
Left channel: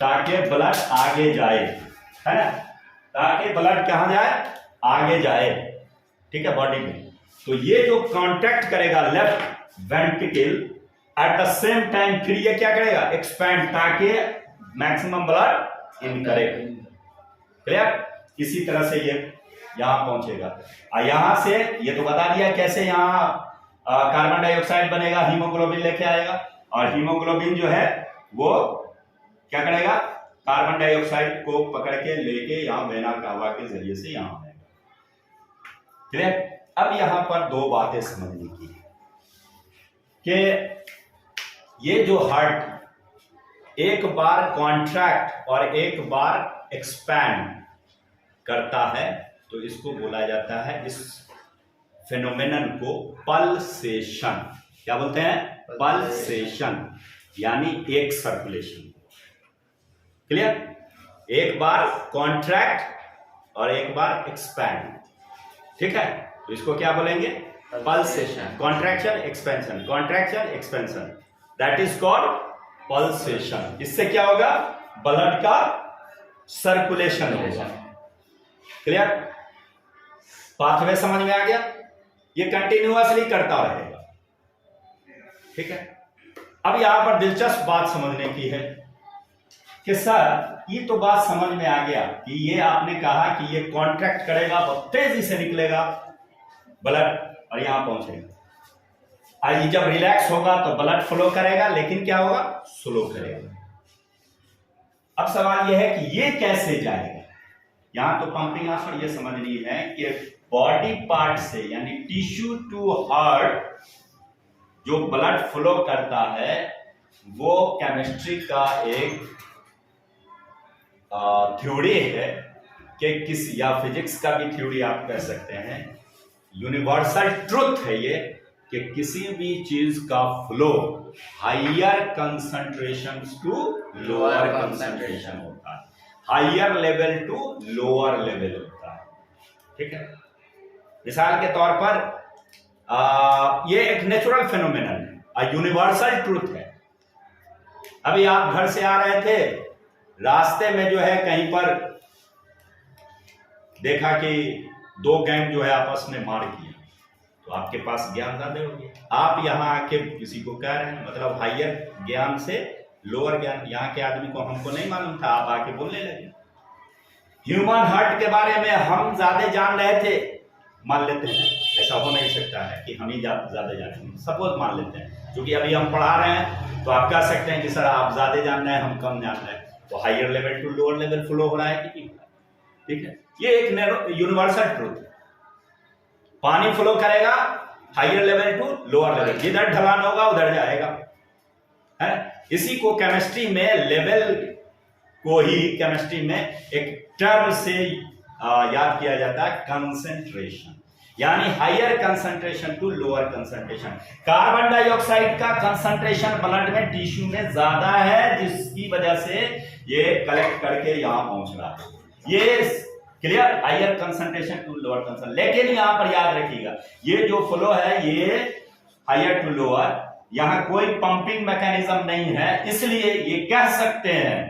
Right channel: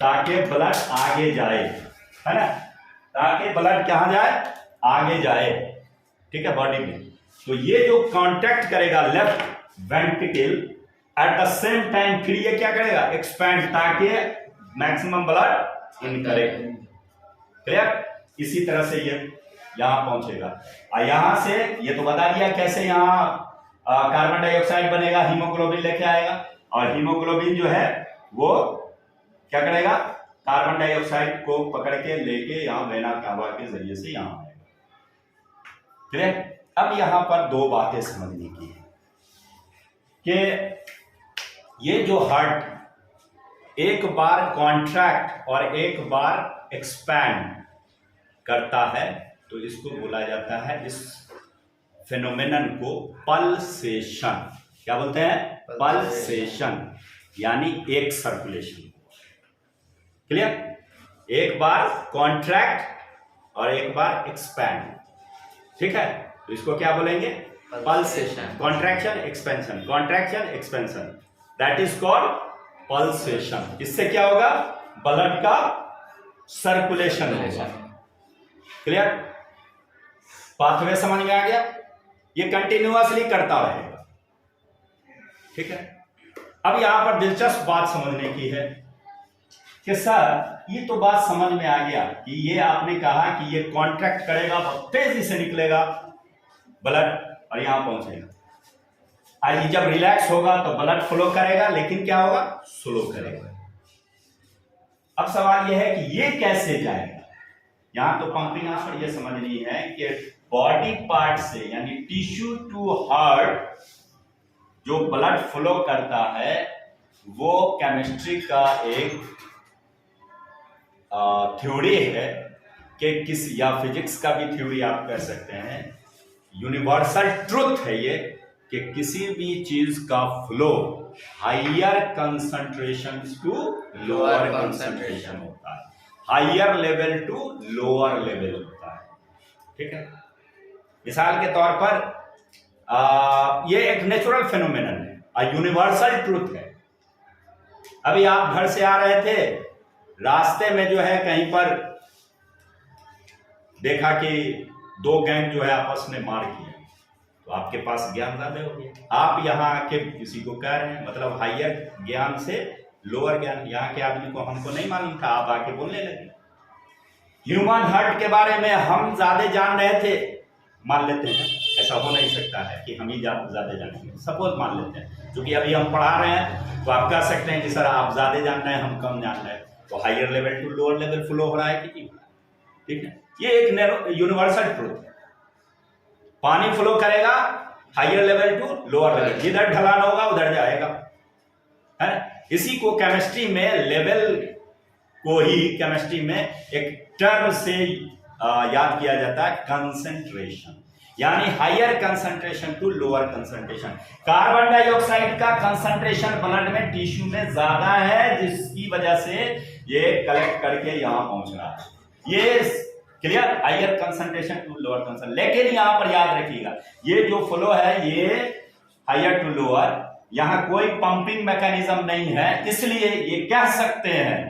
ताकि ब्लड आगे जाए, है ना? ताकि ब्लड कहां जाए? आगे जाए। ठीक है? बॉडी में। तो ये जो कॉन्ट्रैक्ट करेगा left ventricle, at the same time फिर ये क्या करेगा? एक्सपैंड, ताकि मैक्सिमम ब्लड इन करे। क्लियर? इसी तरह से ये यहां पहुंचेगा। यहां से ये तो बता दिया कैसे यहां कार्बन डाइऑक्साइड बनेगा, हीमोग्लोबिन लेके आएगा और हीमोग्लोबिन जो है वो क्या करेगा? कार्बन डाइऑक्साइड को पकड़ के लेके यहां वेना कावा के जरिए से यहां आएगा। क्लियर? अब यहां पर दो बातें समझने की है कि ये जो हार्ट एक बार कॉन्ट्रैक्ट और एक बार एक्सपैंड करता है तो इसको बोला जाता है, इस फेनोमेनन को पल्सेशन। क्या बोलते हैं? पल्सेशन, यानी एक सर्कुलेशन। क्लियर? एक बार कॉन्ट्रैक्ट और एक बार एक्सपैंड, ठीक है? तो इसको क्या बोलेंगे? Pulsation. Contraction expansion, contraction expansion, that is called pulsation. इससे क्या होगा? ब्लड का सर्कुलेशन होगा। क्लियर? पाथवे समझ में आ गया? ये कंटिन्यूअसली करता रहेगा, ठीक है? अब यहां पर दिलचस्प बात समझने की है कि सर ये तो बात समझ में आ गया कि ये आपने कहा कि ये कॉन्ट्रैक्ट करेगा, बहुत तेजी से निकलेगा ब्लड और यहां पहुंचेगा। आज जब रिलैक्स होगा तो ब्लड फ्लो करेगा, लेकिन क्या होगा? स्लो करेगा। अब सवाल यह है कि ये कैसे जाएगा? यहां तो पंपिंग यहां पर यह समझनी है कि बॉडी पार्ट से, यानी टिश्यू टू हार्ट जो ब्लड फ्लो करता है वो केमिस्ट्री का एक थ्योरी है कि किस, या फिजिक्स का भी थ्योरी आप कह सकते हैं, यूनिवर्सल ट्रुथ है ये कि किसी भी चीज का flow higher concentration to lower concentration होता है, higher level to lower level होता है, ठीक है? मिसाल के तौर पर ये एक नेचुरल फेनोमेनन है, यूनिवर्सल ट्रुथ है। अभी आप घर से आ रहे थे, रास्ते में जो है कहीं पर देखा कि दो गैंग जो है आपस में मार किया, तो आपके पास ज्ञान ज्यादा हो गया, आप यहाँ आके किसी को कह रहे हैं, मतलब हायर ज्ञान से लोअर ज्ञान। यहाँ के आदमी को, हमको नहीं मालूम था, आप आके बोलने लगे। ह्यूमन हार्ट के बारे में हम ज्यादा जान रहे थे, मान लेते हैं, ऐसा हो नहीं सकता है कि हम ही ज्यादा जानेंगे, सपोज मान लेते हैं, क्योंकि अभी हम पढ़ा रहे हैं तो आप कह सकते हैं कि सर आप ज्यादा जान रहे हैं, हम कम जान रहे हैं, तो higher level to lower level flow हो रहा है कि नहीं हो रहा है, ठीक है? ये एक यूनिवर्सल ट्रूथ है। पानी फ्लो करेगा higher level to lower level, जिधर ढलान होगा उधर जाएगा, है? इसी को केमिस्ट्री में, लेवल को ही केमिस्ट्री में एक टर्म से याद किया जाता है, कंसंट्रेशन, यानी higher concentration to lower concentration. Carbon dioxide का कंसंट्रेशन ब्लड में, टिश्यू में ज्यादा है, जिसकी वजह से ये कलेक्ट करके यहां पहुंच रहा है। ये clear? Higher concentration to lower concentration. लेकिन यहां पर याद रखिएगा, ये जो फ्लो है ये हायर टू लोअर, यहां कोई पंपिंग मैकेनिज्म नहीं है, इसलिए ये कह सकते हैं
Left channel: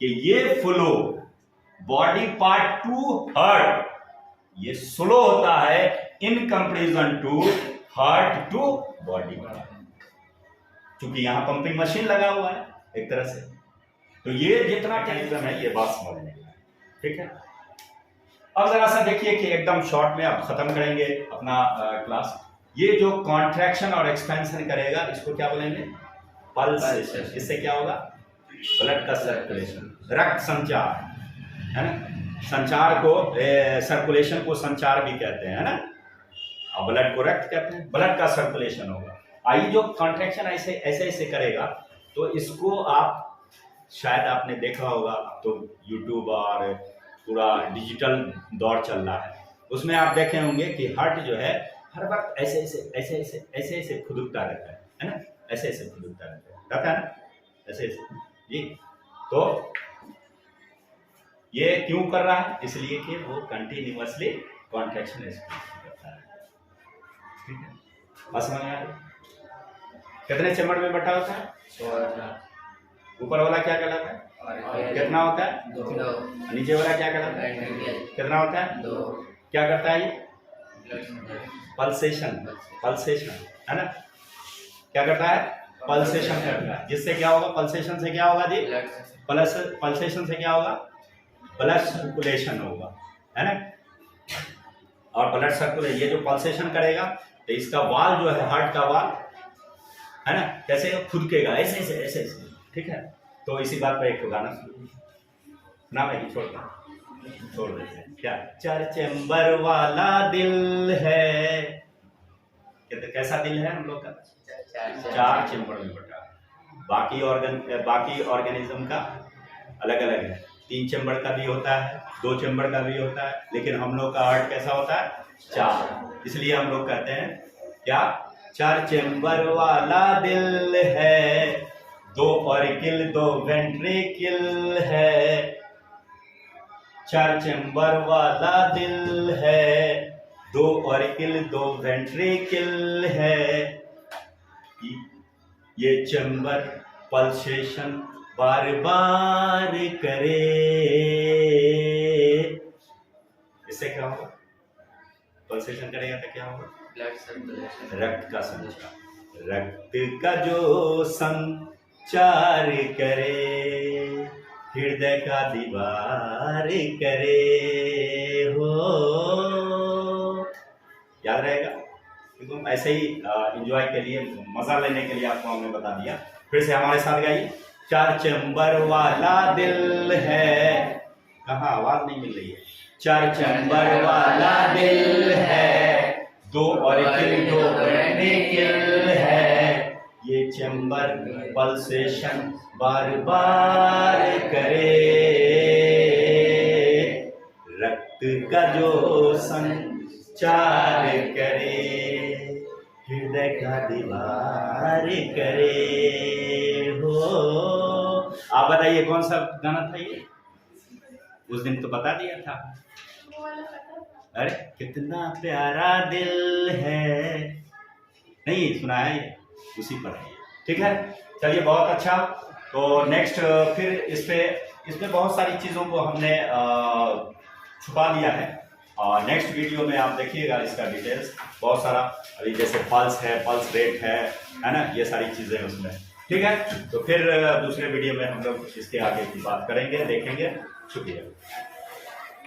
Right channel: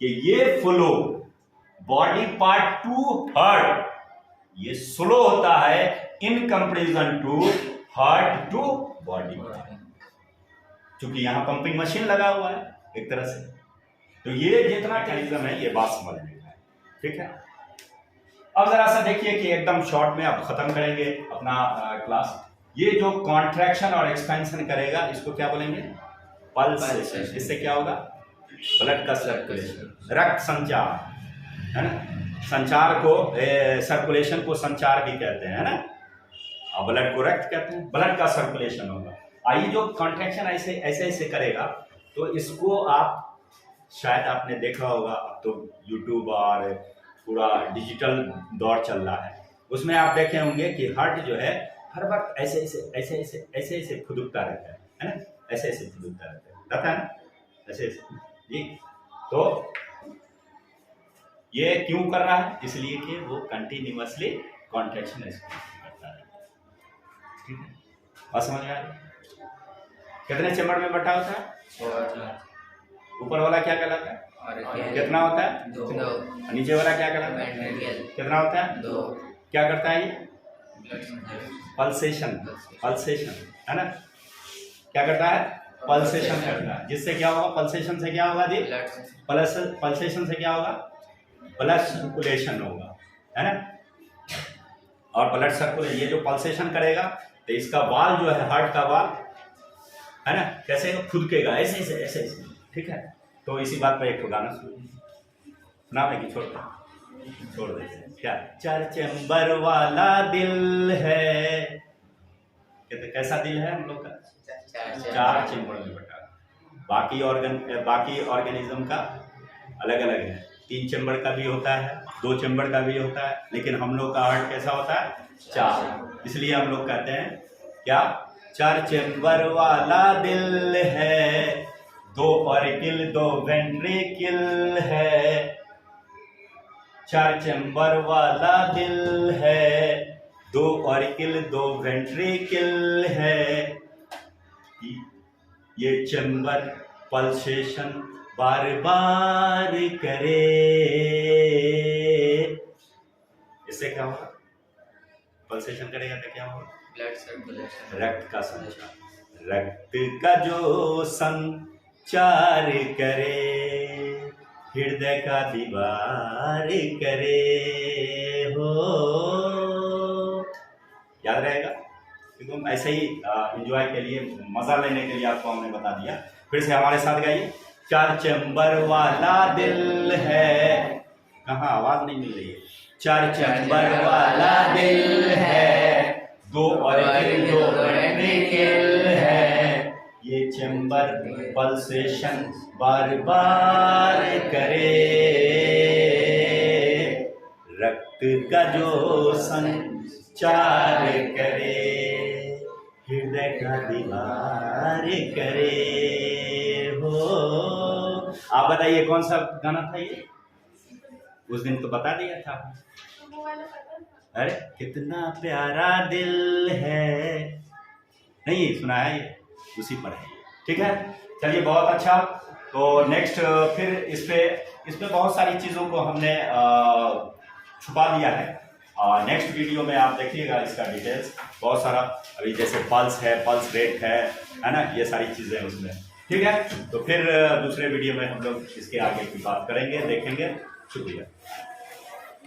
कि ये flow body part to heart ये स्लो होता है in comparison to heart to body part, क्योंकि यहां पंपिंग मशीन लगा हुआ है एक तरह से। तो ये जितना मैकेनिज्म है ये बात समझने का है, ठीक है? अब जरा सा देखिए कि एकदम शॉर्ट में अब खत्म करेंगे अपना क्लास। ये जो कॉन्ट्रैक्शन और एक्सपेंशन करेगा इसको क्या बोलेंगे? पल्सेशन। इससे क्या होगा? ब्लड का सर्कुलेशन, रक्त संचार, है ना? संचार को, सर्कुलेशन को संचार भी कहते हैं, है ना? और ब्लड को रक्त कहते हैं। ब्लड का सर्कुलेशन होगा। आइए, जो कॉन्ट्रैक्शन ऐसे ऐसे करेगा तो इसको आप शायद आपने देखा होगा, तो यूट्यूब और पूरा डिजिटल दौर चल रहा है, उसमें आप देखे होंगे कि हार्ट जो है हर वक्त ऐसे खुदकता रहता है ना? ऐसे खुदकता रहता है ना? ऐसे जी। तो ये क्यों कर रहा है? इसलिए कि वो कंटिन्यूअसली कॉन्ट्रैक्शन करता है, ठीक है? बात समझ में आ रही? कितने चैम्बर में बटा होता है? ऊपर वाला क्या कहलाता है? कितना होता है? 2। नीचे वाला क्या कहलाता है? कितना होता है? 2। क्या करता है ये? पल्सेशन है ना? क्या करता है? पल्सेशन करता है। जिससे क्या होगा? पल्सेशन से क्या होगा जी? पल्सेशन से क्या होगा? ब्लड सर्कुलेशन होगा, है ना? और ब्लड सर्कुलेशन, ये जो पल्सेशन करेगा तो इसका वाल जो है, हार्ट का वाल, है ना, कैसे खुदकेगा? ऐसे, ठीक है? तो इसी बात पर एक गाना सुना भाई, छोड़ देते हैं। क्या? 4 चैम्बर वाला दिल है, कैसा दिल है हम लोग का? 4 चैम्बर में बटा। बाकी ऑर्गेनिज्म का अलग अलग है। 3 चैम्बर का भी होता है, 2 चैम्बर का भी होता है, लेकिन हम लोग का हार्ट कैसा होता है? 4। इसलिए हम लोग कहते हैं क्या? 4 चैम्बर वाला दिल है, 2 ऑरिकल 2 वेंट्रिकल है। 4 चैम्बर वाला दिल है, 2 ऑरिकल 2 वेंट्रिकल है। ये चैम्बर पल्सेशन बार बार करे। इससे क्या होगा? पल्सेशन करेगा तो क्या होगा? ब्लड सर्कुलेशन, रक्त का संचार, रक्त का जो संचार करे, हृदय का दीवार करे हो। याद रहेगा, क्योंकि हम ऐसे ही एंजॉय के लिए, मजा लेने के लिए आपको हमने बता दिया। फिर से हमारे साथ गाइए। 4 चैम्बर वाला दिल है, कहाँ आवाज नहीं मिल रही है? 4 चैम्बर वाला दिल है, 2 ऑरिकल 2 वेंट्रिकल है। ये चैम्बर पल्सेशन बार बार करे, रक्त का जो संचार करे, हृदय का दीवार करे हो। आप बताइए कौन सा गाना था ये? उस दिन तो बता दिया था। अरे कितना प्यारा दिल है, नहीं सुना है ये? उसी पर है। ठीक है, चलिए बहुत अच्छा। तो नेक्स्ट फिर इस पे बहुत सारी चीज़ों को हमने छुपा लिया है। नेक्स्ट वीडियो में आप देखिएगा इसका डिटेल्स बहुत सारा। अभी जैसे पल्स है, पल्स रेट है ना, ये सारी चीज़ें उसमें। ठीक है, तो फिर दूसरे वीडियो में हम लोग इसके आगे की बात करेंगे, देखेंगे। शुक्रिया।